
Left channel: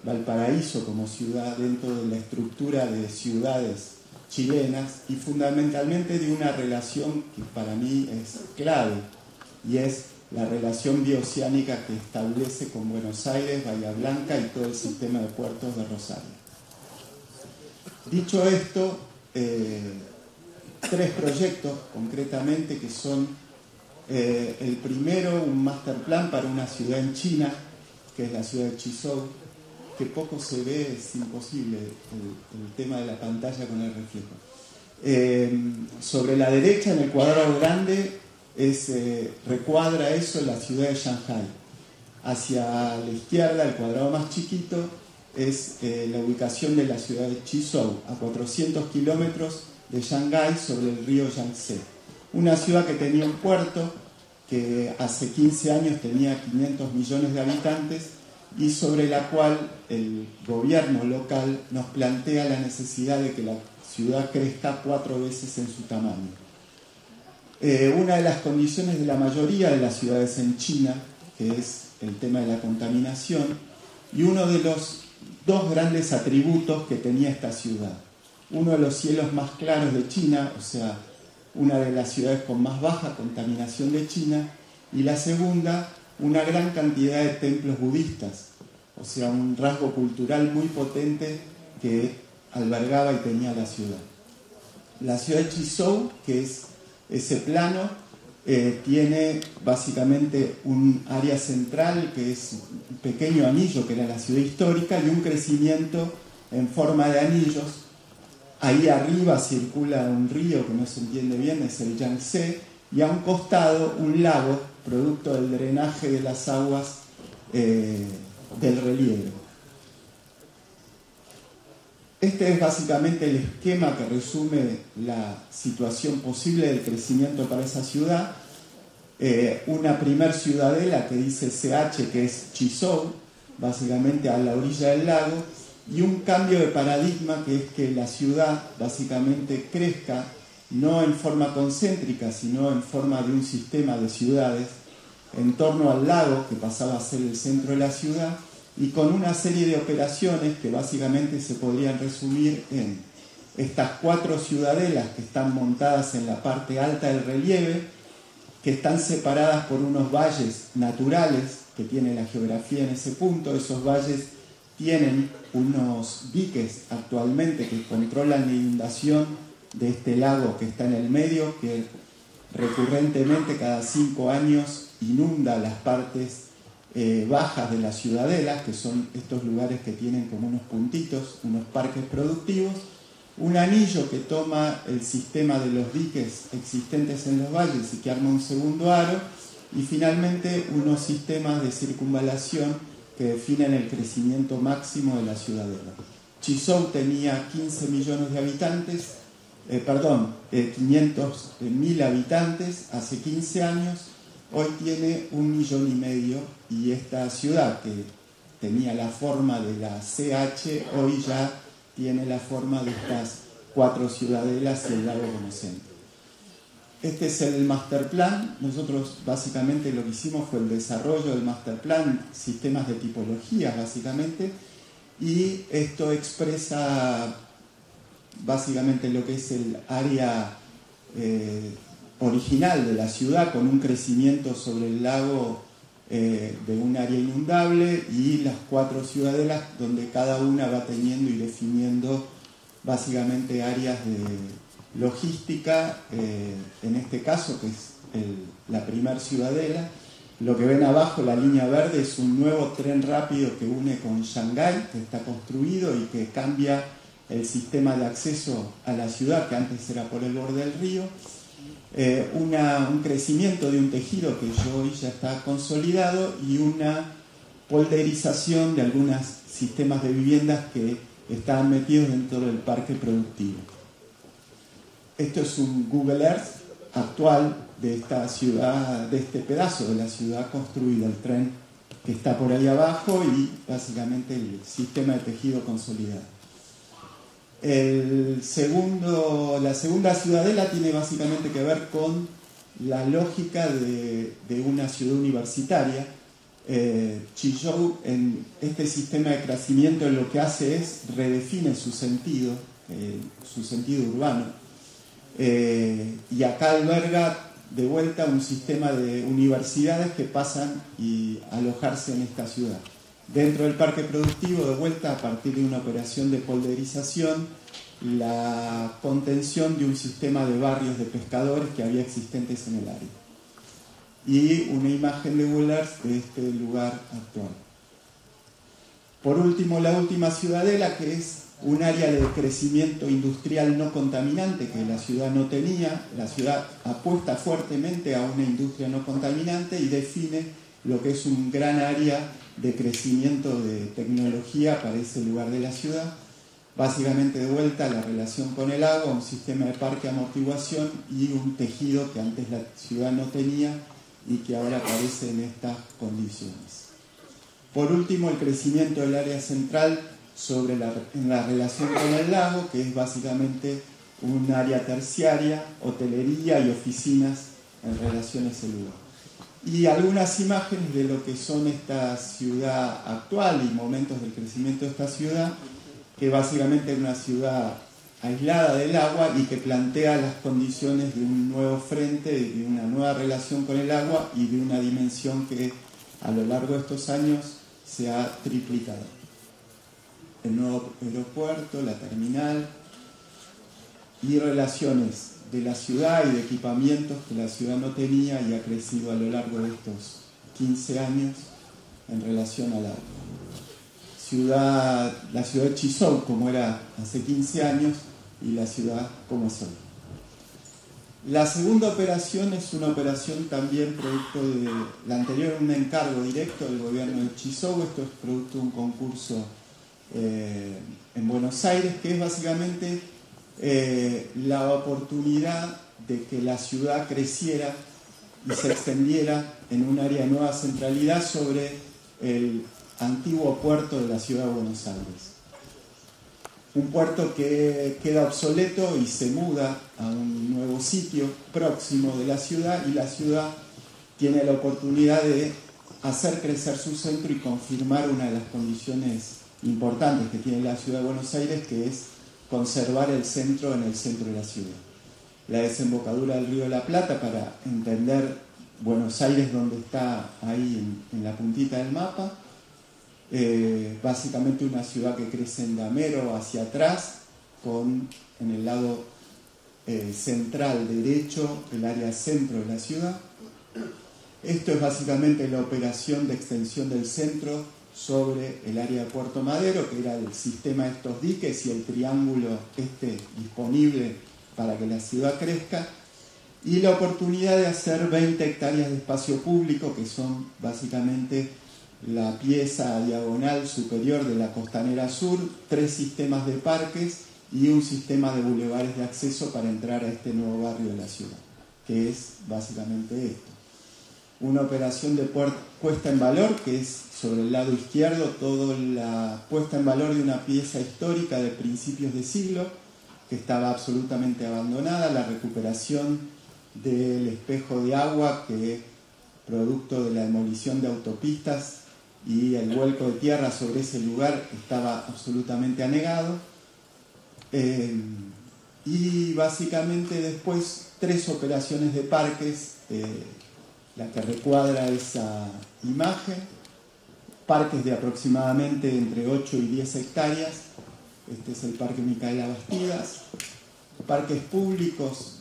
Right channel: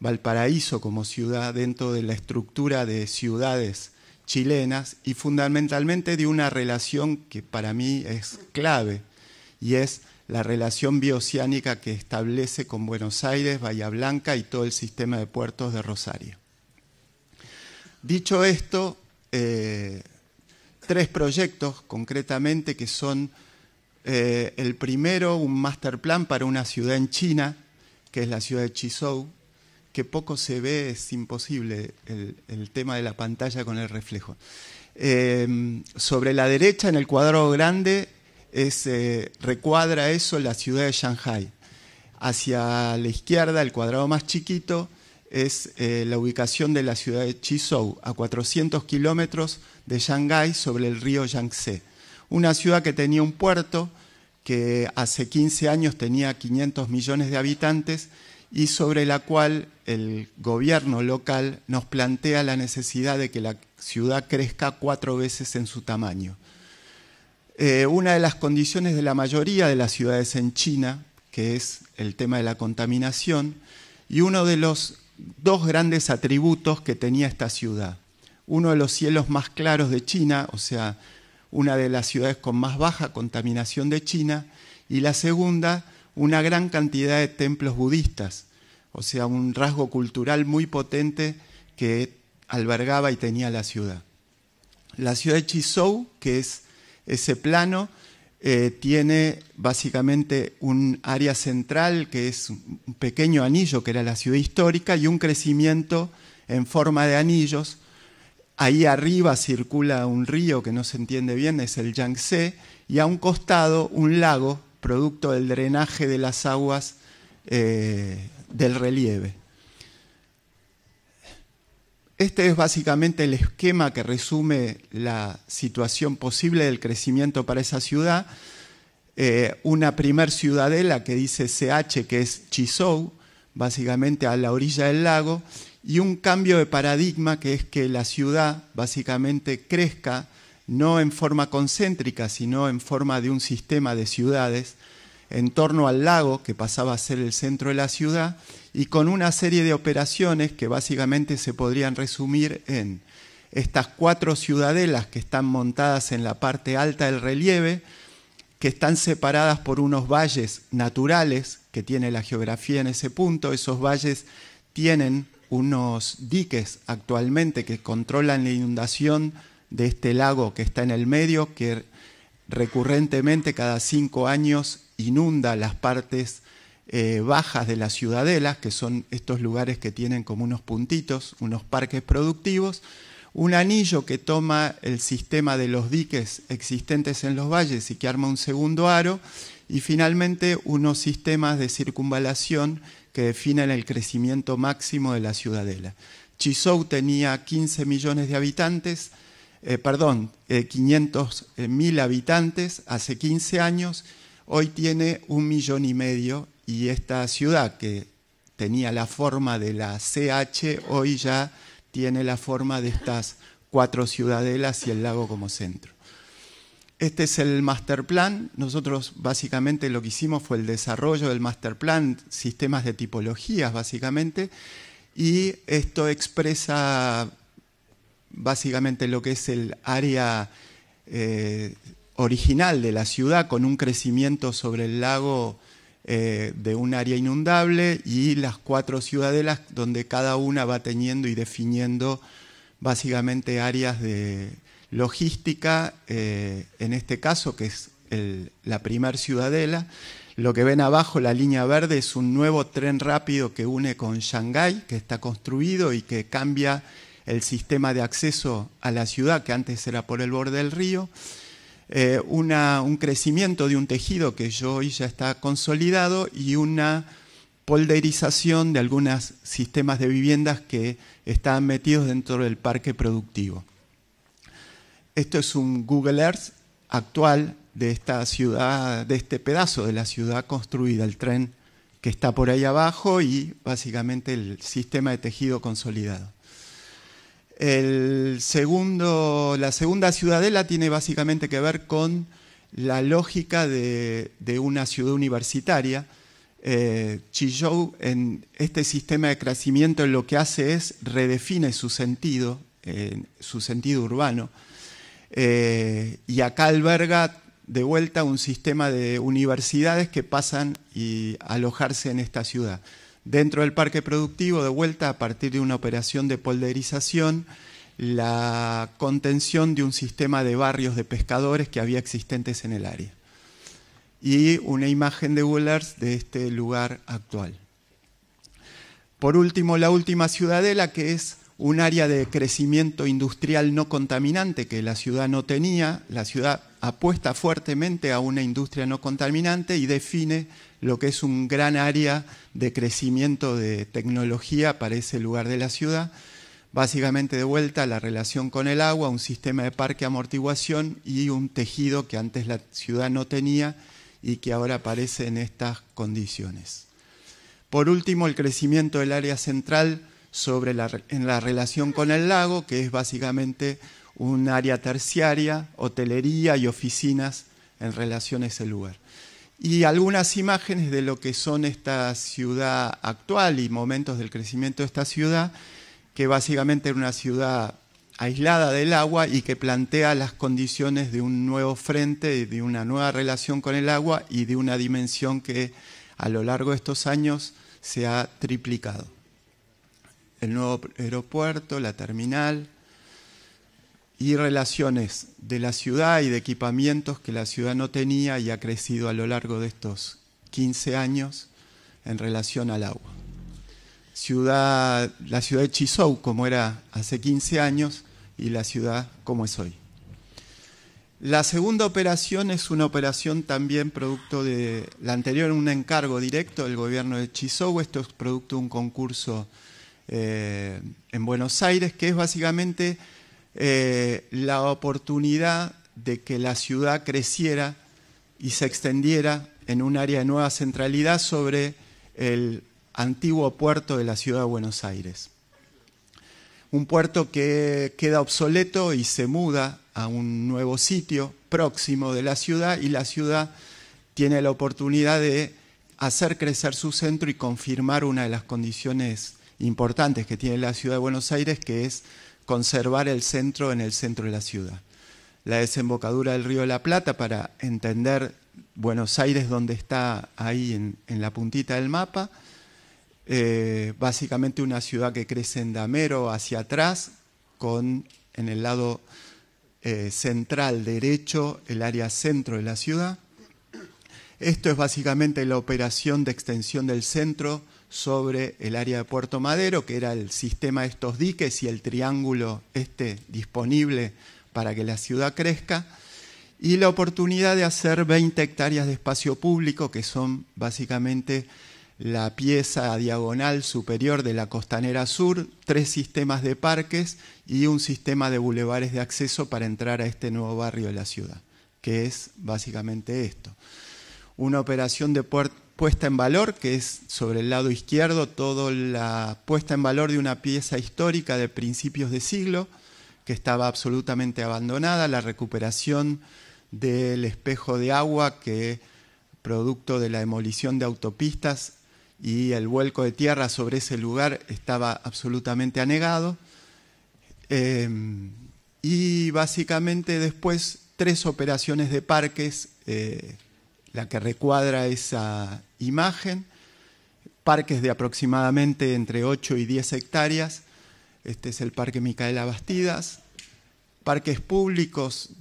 Valparaíso como ciudad dentro de la estructura de ciudades chilenas y fundamentalmente de una relación que para mí es clave, y es la relación bioceánica que establece con Buenos Aires, Bahía Blanca y todo el sistema de puertos de Rosario. Dicho esto, 3 proyectos concretamente que son el primero, un master plan para una ciudad en China, que es la ciudad de Chizhou, que poco se ve, es imposible el tema de la pantalla con el reflejo. Sobre la derecha, en el cuadrado grande, recuadra eso la ciudad de Shanghái. Hacia la izquierda, el cuadrado más chiquito, es la ubicación de la ciudad de Chizhou, a 400 kilómetros de Shanghái sobre el río Yangtze. Una ciudad que tenía un puerto, que hace 15 años tenía 500 millones de habitantes y sobre la cual el gobierno local nos plantea la necesidad de que la ciudad crezca 4 veces en su tamaño. Una de las condiciones de la mayoría de las ciudades en China, que es el tema de la contaminación, y uno de los 2 grandes atributos que tenía esta ciudad. Uno de los cielos más claros de China, o sea, una de las ciudades con más baja contaminación de China, y la segunda, una gran cantidad de templos budistas, o sea, un rasgo cultural muy potente que albergaba y tenía la ciudad. La ciudad de Chizhou, que es ese plano, tiene básicamente un área central que es un pequeño anillo que era la ciudad histórica y un crecimiento en forma de anillos. Ahí arriba circula un río que no se entiende bien, es el Yangtze, y a un costado un lago, producto del drenaje de las aguas del relieve. Este es básicamente el esquema que resume la situación posible del crecimiento para esa ciudad. Una primer ciudadela que dice CH, que es Chizhou, básicamente a la orilla del lago, y un cambio de paradigma que es que la ciudad básicamente crezca no en forma concéntrica, sino en forma de un sistema de ciudades en torno al lago, que pasaba a ser el centro de la ciudad, y con una serie de operaciones que básicamente se podrían resumir en estas 4 ciudadelas que están montadas en la parte alta del relieve, que están separadas por unos valles naturales que tiene la geografía en ese punto. Esos valles tienen unos diques actualmente que controlan la inundación de este lago que está en el medio, que recurrentemente cada 5 años inunda las partes bajas de las ciudadelas, que son estos lugares que tienen como unos puntitos, unos parques productivos. Un anillo que toma el sistema de los diques existentes en los valles y que arma un segundo aro, y finalmente unos sistemas de circunvalación que definen el crecimiento máximo de la ciudadela. Chizhou tenía 15 millones de habitantes, 500.000 habitantes hace 15 años. hoy tiene 1,5 millones, y esta ciudad que tenía la forma de la CH, hoy ya tiene la forma de estas 4 ciudadelas y el lago como centro. Este es el master plan. Nosotros básicamente lo que hicimos fue el desarrollo del master plan, sistemas de tipologías básicamente, y esto expresa básicamente lo que es el área original de la ciudad, con un crecimiento sobre el lago de un área inundable, y las 4 ciudadelas donde cada una va teniendo y definiendo básicamente áreas de logística, en este caso que es la primer ciudadela. Lo que ven abajo, la línea verde, es un nuevo tren rápido que une con Shanghái, que está construido y que cambia el sistema de acceso a la ciudad, que antes era por el borde del río. Un crecimiento de un tejido que hoy ya está consolidado, y una polderización de algunos sistemas de viviendas que estaban metidos dentro del parque productivo. Esto es un Google Earth actual de esta ciudad, de este pedazo de la ciudad construida, el tren que está por ahí abajo y básicamente el sistema de tejido consolidado. La segunda ciudadela tiene básicamente que ver con la lógica de una ciudad universitaria. Chizhou, en este sistema de crecimiento, lo que hace es redefine su sentido urbano. Y acá alberga de vuelta un sistema de universidades que pasan a alojarse en esta ciudad. Dentro del parque productivo, de vuelta, a partir de una operación de polderización, la contención de un sistema de barrios de pescadores que había existentes en el área. Y una imagen de Google Earth de este lugar actual. Por último, la última ciudadela, que es un área de crecimiento industrial no contaminante que la ciudad no tenía. La ciudad apuesta fuertemente a una industria no contaminante y define lo que es un gran área de crecimiento de tecnología para ese lugar de la ciudad. Básicamente, de vuelta, la relación con el agua, un sistema de parque amortiguación y un tejido que antes la ciudad no tenía y que ahora aparece en estas condiciones. Por último, el crecimiento del área central en la relación con el lago, que es básicamente un área terciaria, hotelería y oficinas en relación a ese lugar. Y algunas imágenes de lo que son esta ciudad actual y momentos del crecimiento de esta ciudad, que básicamente es una ciudad aislada del agua y que plantea las condiciones de un nuevo frente, de una nueva relación con el agua y de una dimensión que a lo largo de estos años se ha triplicado. El nuevo aeropuerto, la terminal y relaciones de la ciudad y de equipamientos que la ciudad no tenía y ha crecido a lo largo de estos 15 años en relación al agua. La ciudad de Chizhou como era hace 15 años y la ciudad como es hoy. La segunda operación es una operación también producto de la anterior, un encargo directo del gobierno de Chizhou. Esto es producto de un concurso en Buenos Aires, que es básicamente la oportunidad de que la ciudad creciera y se extendiera en un área de nueva centralidad sobre el antiguo puerto de la ciudad de Buenos Aires. Un puerto que queda obsoleto y se muda a un nuevo sitio próximo de la ciudad, y la ciudad tiene la oportunidad de hacer crecer su centro y confirmar una de las condiciones importantes que tiene la ciudad de Buenos Aires, que es conservar el centro en el centro de la ciudad. La desembocadura del río de la Plata, para entender Buenos Aires donde está ahí en la puntita del mapa, básicamente una ciudad que crece en damero hacia atrás, con en el lado central derecho el área centro de la ciudad. Esto es básicamente la operación de extensión del centro sobre el área de Puerto Madero, que era el sistema de estos diques y el triángulo disponible para que la ciudad crezca, y la oportunidad de hacer 20 hectáreas de espacio público, que son básicamente la pieza diagonal superior de la Costanera Sur, 3 sistemas de parques y un sistema de bulevares de acceso para entrar a este nuevo barrio de la ciudad, que es básicamente esto. una operación de puesta en valor, que es sobre el lado izquierdo, toda la puesta en valor de una pieza histórica de principios de siglo, que estaba absolutamente abandonada, la recuperación del espejo de agua, que producto de la demolición de autopistas y el vuelco de tierra sobre ese lugar estaba absolutamente anegado. Y básicamente después 3 operaciones de parques, la que recuadra esa imagen, parques de aproximadamente entre 8 y 10 hectáreas. Este es el Parque Micaela Bastidas, parques públicos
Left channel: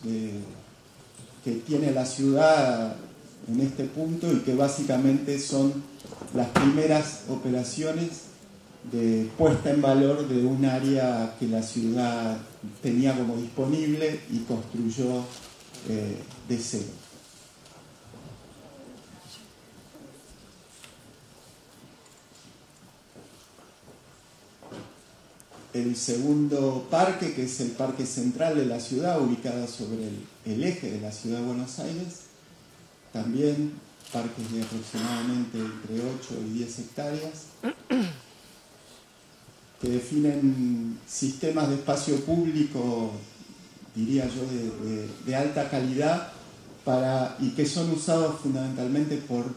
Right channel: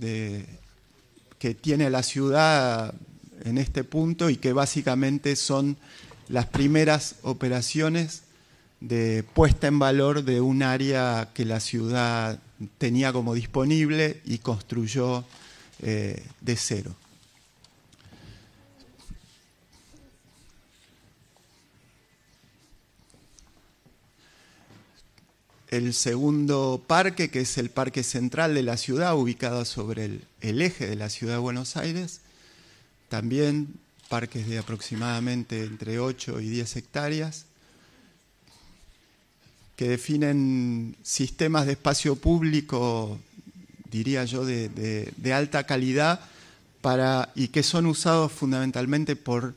que tiene la ciudad en este punto y que básicamente son las primeras operaciones de puesta en valor de un área que la ciudad tenía como disponible y construyó de cero. El segundo parque, que es el Parque Central de la ciudad, ubicado sobre el eje de la ciudad de Buenos Aires, también parques de aproximadamente entre 8 y 10 hectáreas, que definen sistemas de espacio público, diría yo, de alta calidad y que son usados fundamentalmente por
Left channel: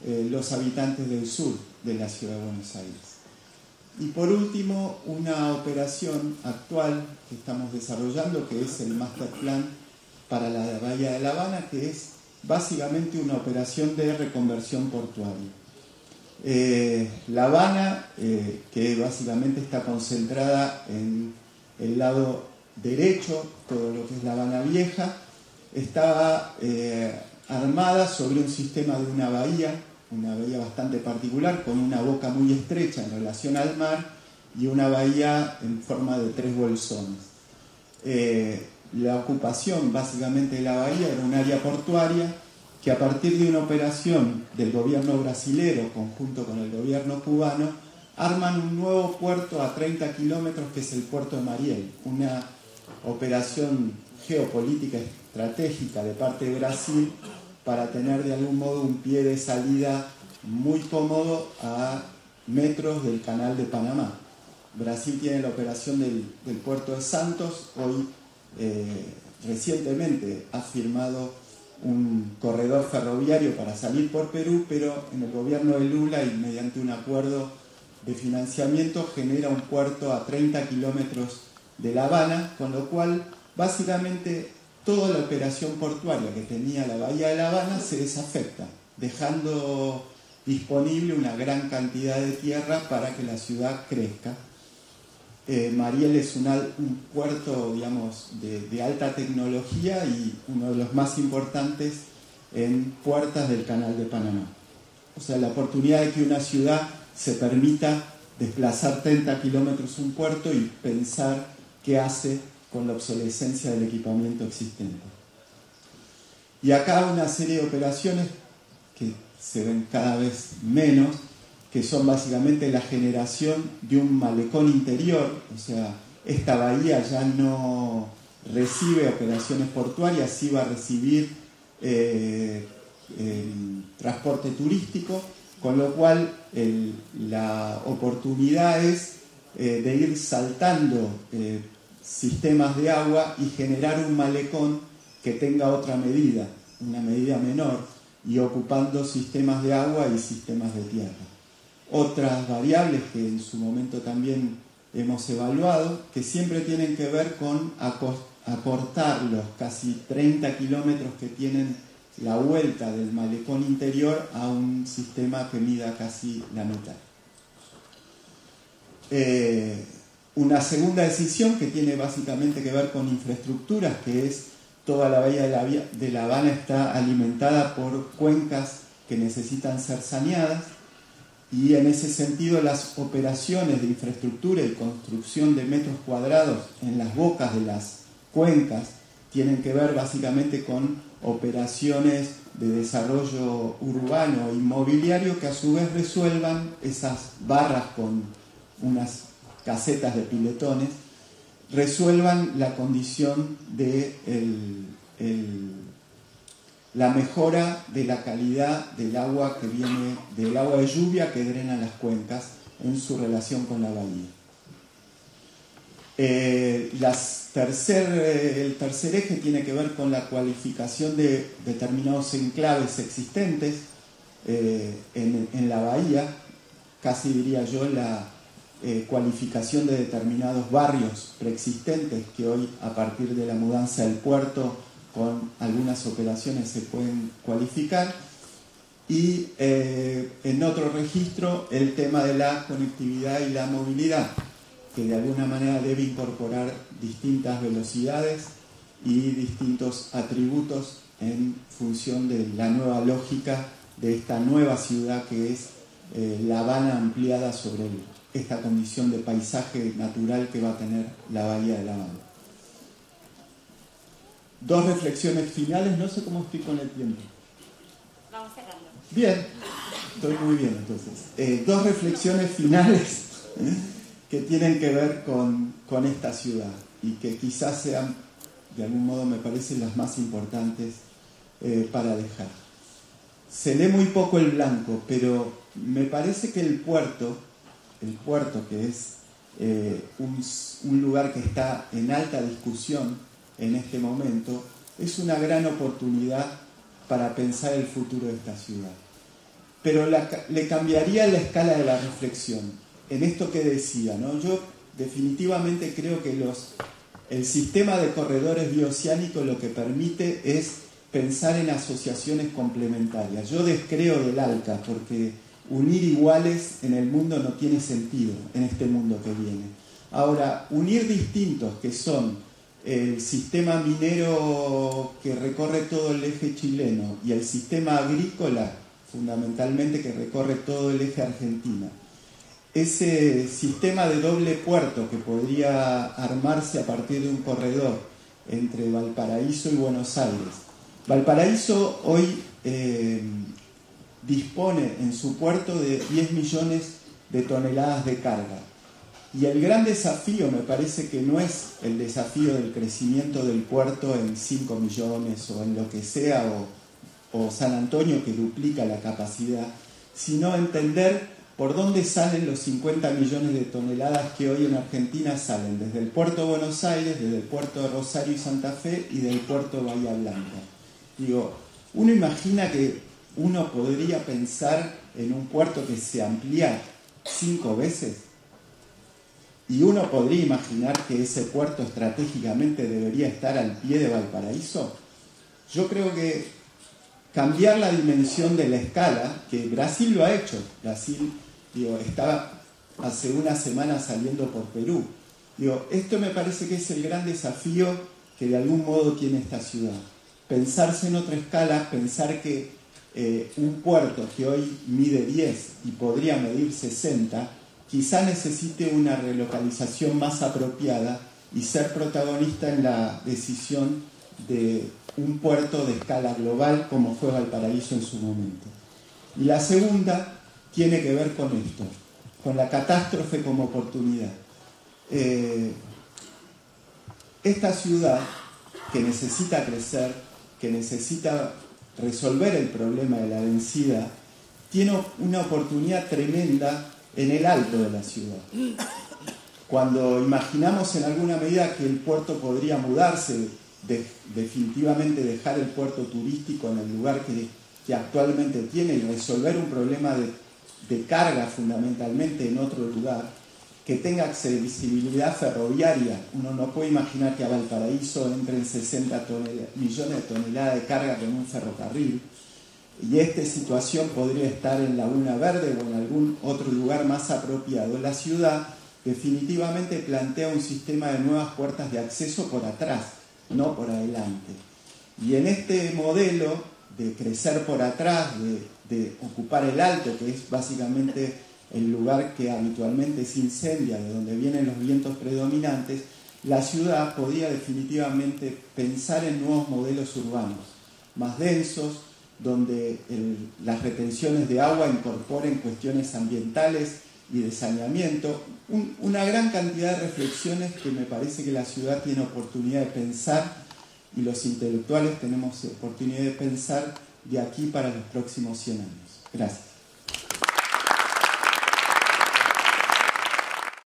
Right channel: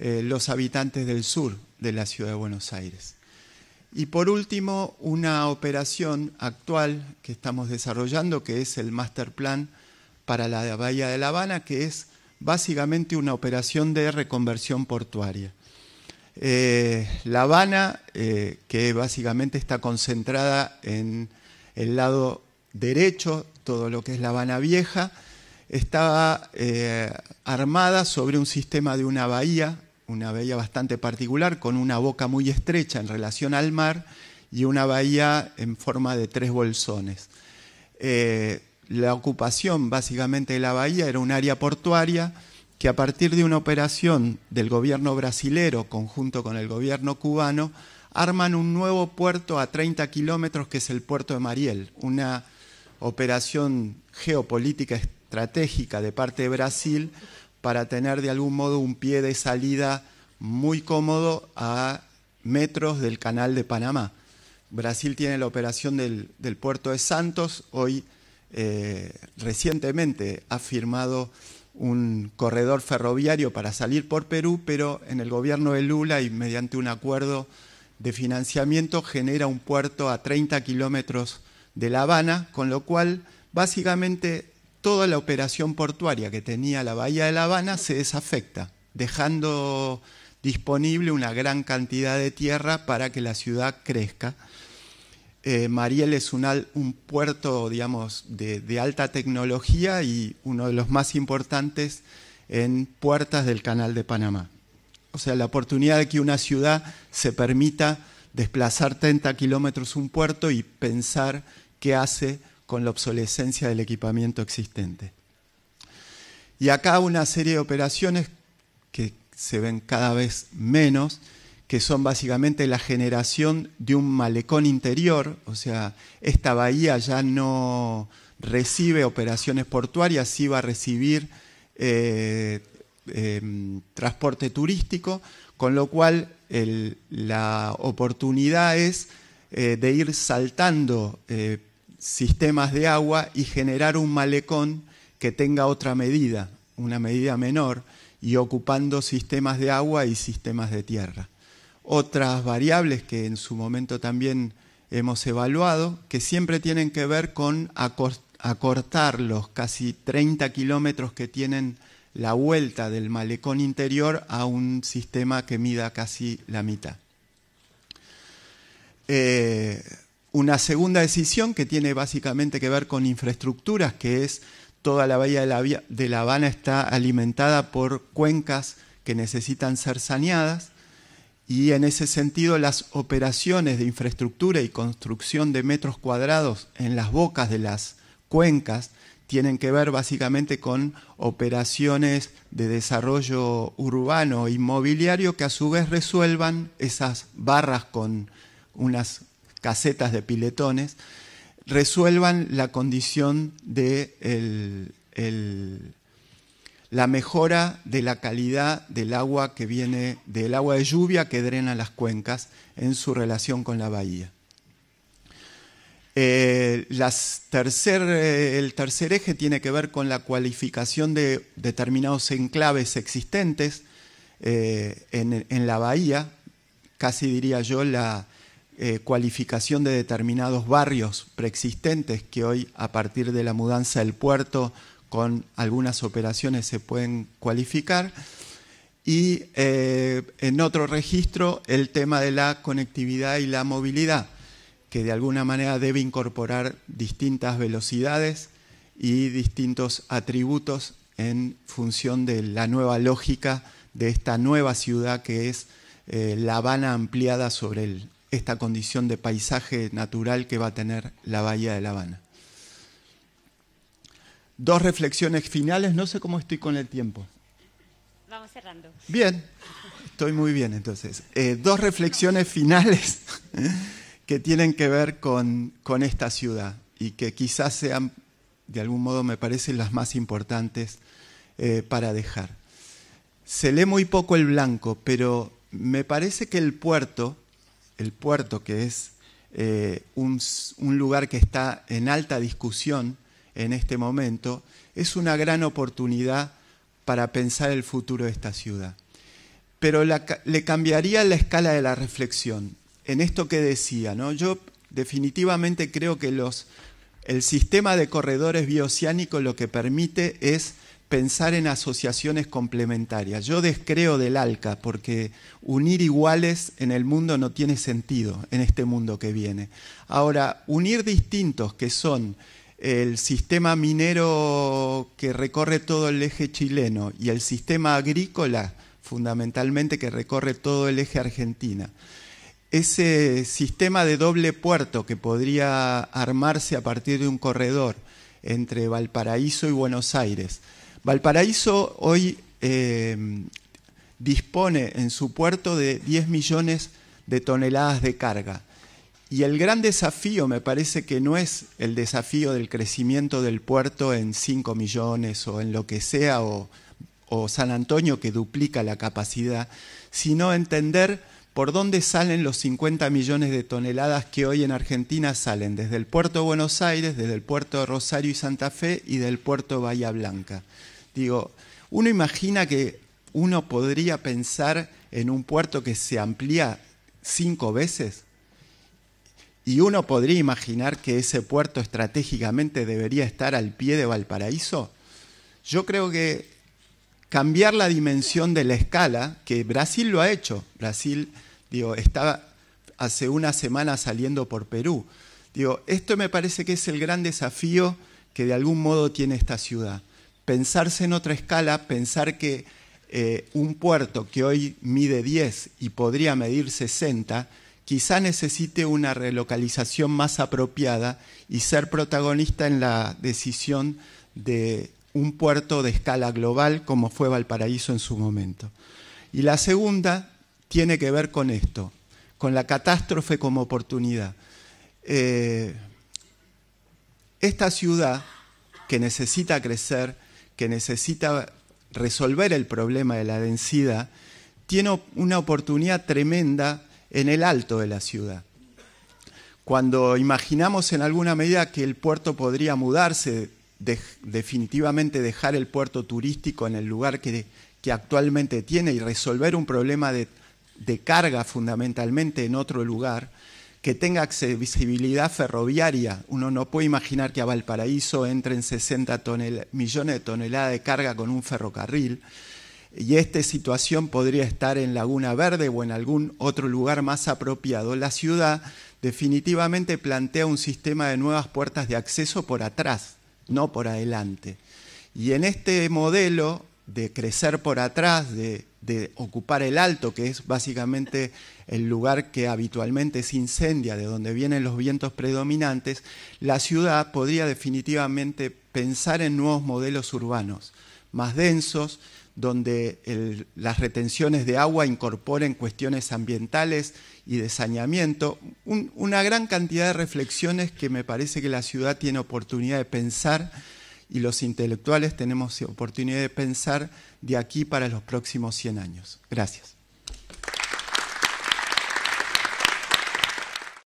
los habitantes del sur de la ciudad de Buenos Aires. Y por último, una operación actual que estamos desarrollando, que es el Master Plan para la Bahía de La Habana, que es básicamente una operación de reconversión portuaria. La Habana, que básicamente está concentrada en el lado derecho, todo lo que es La Habana Vieja, estaba armada sobre un sistema de una bahía bastante particular, con una boca muy estrecha en relación al mar y una bahía en forma de 3 bolsones. La ocupación básicamente de la bahía era un área portuaria que, a partir de una operación del gobierno brasilero conjunto con el gobierno cubano, arman un nuevo puerto a 30 kilómetros, que es el puerto de Mariel, una operación geopolítica estratégica de parte de Brasil para tener de algún modo un pie de salida muy cómodo a metros del Canal de Panamá. Brasil tiene la operación del puerto de Santos, hoy recientemente ha firmado un corredor ferroviario para salir por Perú, pero en el gobierno de Lula, y mediante un acuerdo de financiamiento, genera un puerto a 30 kilómetros de La Habana, con lo cual básicamente toda la operación portuaria que tenía la Bahía de La Habana se desafecta, dejando disponible una gran cantidad de tierra para que la ciudad crezca. Mariel es un puerto, digamos, de alta tecnología y uno de los más importantes en puertas del Canal de Panamá. O sea, la oportunidad de que una ciudad se permita desplazar 30 kilómetros un puerto y pensar qué hace con la obsolescencia del equipamiento existente. Y acá una serie de operaciones que se ven cada vez menos, que son básicamente la generación de un malecón interior. O sea, esta bahía ya no recibe operaciones portuarias, sí va a recibir transporte turístico, con lo cual la oportunidad es de ir saltando sistemas de agua y generar un malecón que tenga otra medida, una medida menor, y ocupando sistemas de agua y sistemas de tierra. Otras variables que en su momento también hemos evaluado, que siempre tienen que ver con acortar los casi 30 kilómetros que tienen la vuelta del malecón interior a un sistema que mida casi la mitad. Una segunda decisión que tiene básicamente que ver con infraestructuras, que es toda la bahía de La Habana está alimentada por cuencas que necesitan ser saneadas, y en ese sentido las operaciones de infraestructura y construcción de metros cuadrados en las bocas de las cuencas tienen que ver básicamente con operaciones de desarrollo urbano e inmobiliario que a su vez resuelvan esas barras con unas casetas de piletones, resuelvan la condición de la mejora de la calidad del agua que viene, del agua de lluvia que drena las cuencas en su relación con la bahía. El tercer eje tiene que ver con la cualificación de determinados enclaves existentes en la bahía, casi diría yo la cualificación de determinados barrios preexistentes que hoy, a partir de la mudanza del puerto, con algunas operaciones se pueden cualificar. Y en otro registro, el tema de la conectividad y la movilidad, que de alguna manera debe incorporar distintas velocidades y distintos atributos en función de la nueva lógica de esta nueva ciudad que es La Habana ampliada sobre esta condición de paisaje natural que va a tener la bahía de La Habana. Dos reflexiones finales, no sé cómo estoy con el tiempo. Vamos cerrando. Bien, estoy muy bien entonces. Dos reflexiones finales que tienen que ver con esta ciudad y que quizás sean, de algún modo me parecen las más importantes para dejar. Se lee muy poco el blanco, pero me parece que el puerto que es un lugar que está en alta discusión en este momento, es una gran oportunidad para pensar el futuro de esta ciudad. Pero le cambiaría la escala de la reflexión. En esto que decía, ¿no? Yo definitivamente creo que el sistema de corredores bioceánicos lo que permite es pensar en asociaciones complementarias. Yo descreo del ALCA porque unir iguales en el mundo no tiene sentido en este mundo que viene. Ahora, unir distintos que son el sistema minero que recorre todo el eje chileno y el sistema agrícola fundamentalmente que recorre todo el eje Argentina. Ese sistema de doble puerto que podría armarse a partir de un corredor entre Valparaíso y Buenos Aires. Valparaíso hoy dispone en su puerto de 10 millones de toneladas de carga. Y el gran desafío me parece que no es el desafío del crecimiento del puerto en 5 millones o en lo que sea, o San Antonio que duplica la capacidad, sino entender por dónde salen los 50 millones de toneladas que hoy en Argentina salen, desde el puerto de Buenos Aires, desde el puerto de Rosario y Santa Fe y del puerto de Bahía Blanca. Digo, uno imagina que uno podría pensar en un puerto que se amplía 5 veces. Y uno podría imaginar que ese puerto estratégicamente debería estar al pie de Valparaíso. Yo creo que cambiar la dimensión de la escala, que Brasil lo ha hecho. Brasil, está hace una semana saliendo por Perú. Esto me parece que es el gran desafío que de algún modo tiene esta ciudad. Pensarse en otra escala, pensar que un puerto que hoy mide 10 y podría medir 60, quizá necesite una relocalización más apropiada y ser protagonista en la decisión de un puerto de escala global como fue Valparaíso en su momento. Y la segunda tiene que ver con esto, con la catástrofe como oportunidad. Esta ciudad que necesita crecer, que necesita resolver el problema de la densidad, tiene una oportunidad tremenda en el alto de la ciudad. Cuando imaginamos en alguna medida que el puerto podría mudarse, definitivamente dejar el puerto turístico en el lugar que actualmente tiene y resolver un problema de carga fundamentalmente en otro lugar, que tenga accesibilidad ferroviaria. Uno no puede imaginar que a Valparaíso entren 60 millones de toneladas de carga con un ferrocarril. Y esta situación podría estar en Laguna Verde o en algún otro lugar más apropiado. La ciudad definitivamente plantea un sistema de nuevas puertas de acceso por atrás, no por adelante. Y en este modelo de crecer por atrás, de ocupar el alto, que es básicamente el lugar que habitualmente se incendia, de donde vienen los vientos predominantes, la ciudad podría definitivamente pensar en nuevos modelos urbanos, más densos, donde las retenciones de agua incorporen cuestiones ambientales y de saneamiento, una gran cantidad de reflexiones que me parece que la ciudad tiene oportunidad de pensar y los intelectuales tenemos oportunidad de pensar de aquí para los próximos 100 años. Gracias.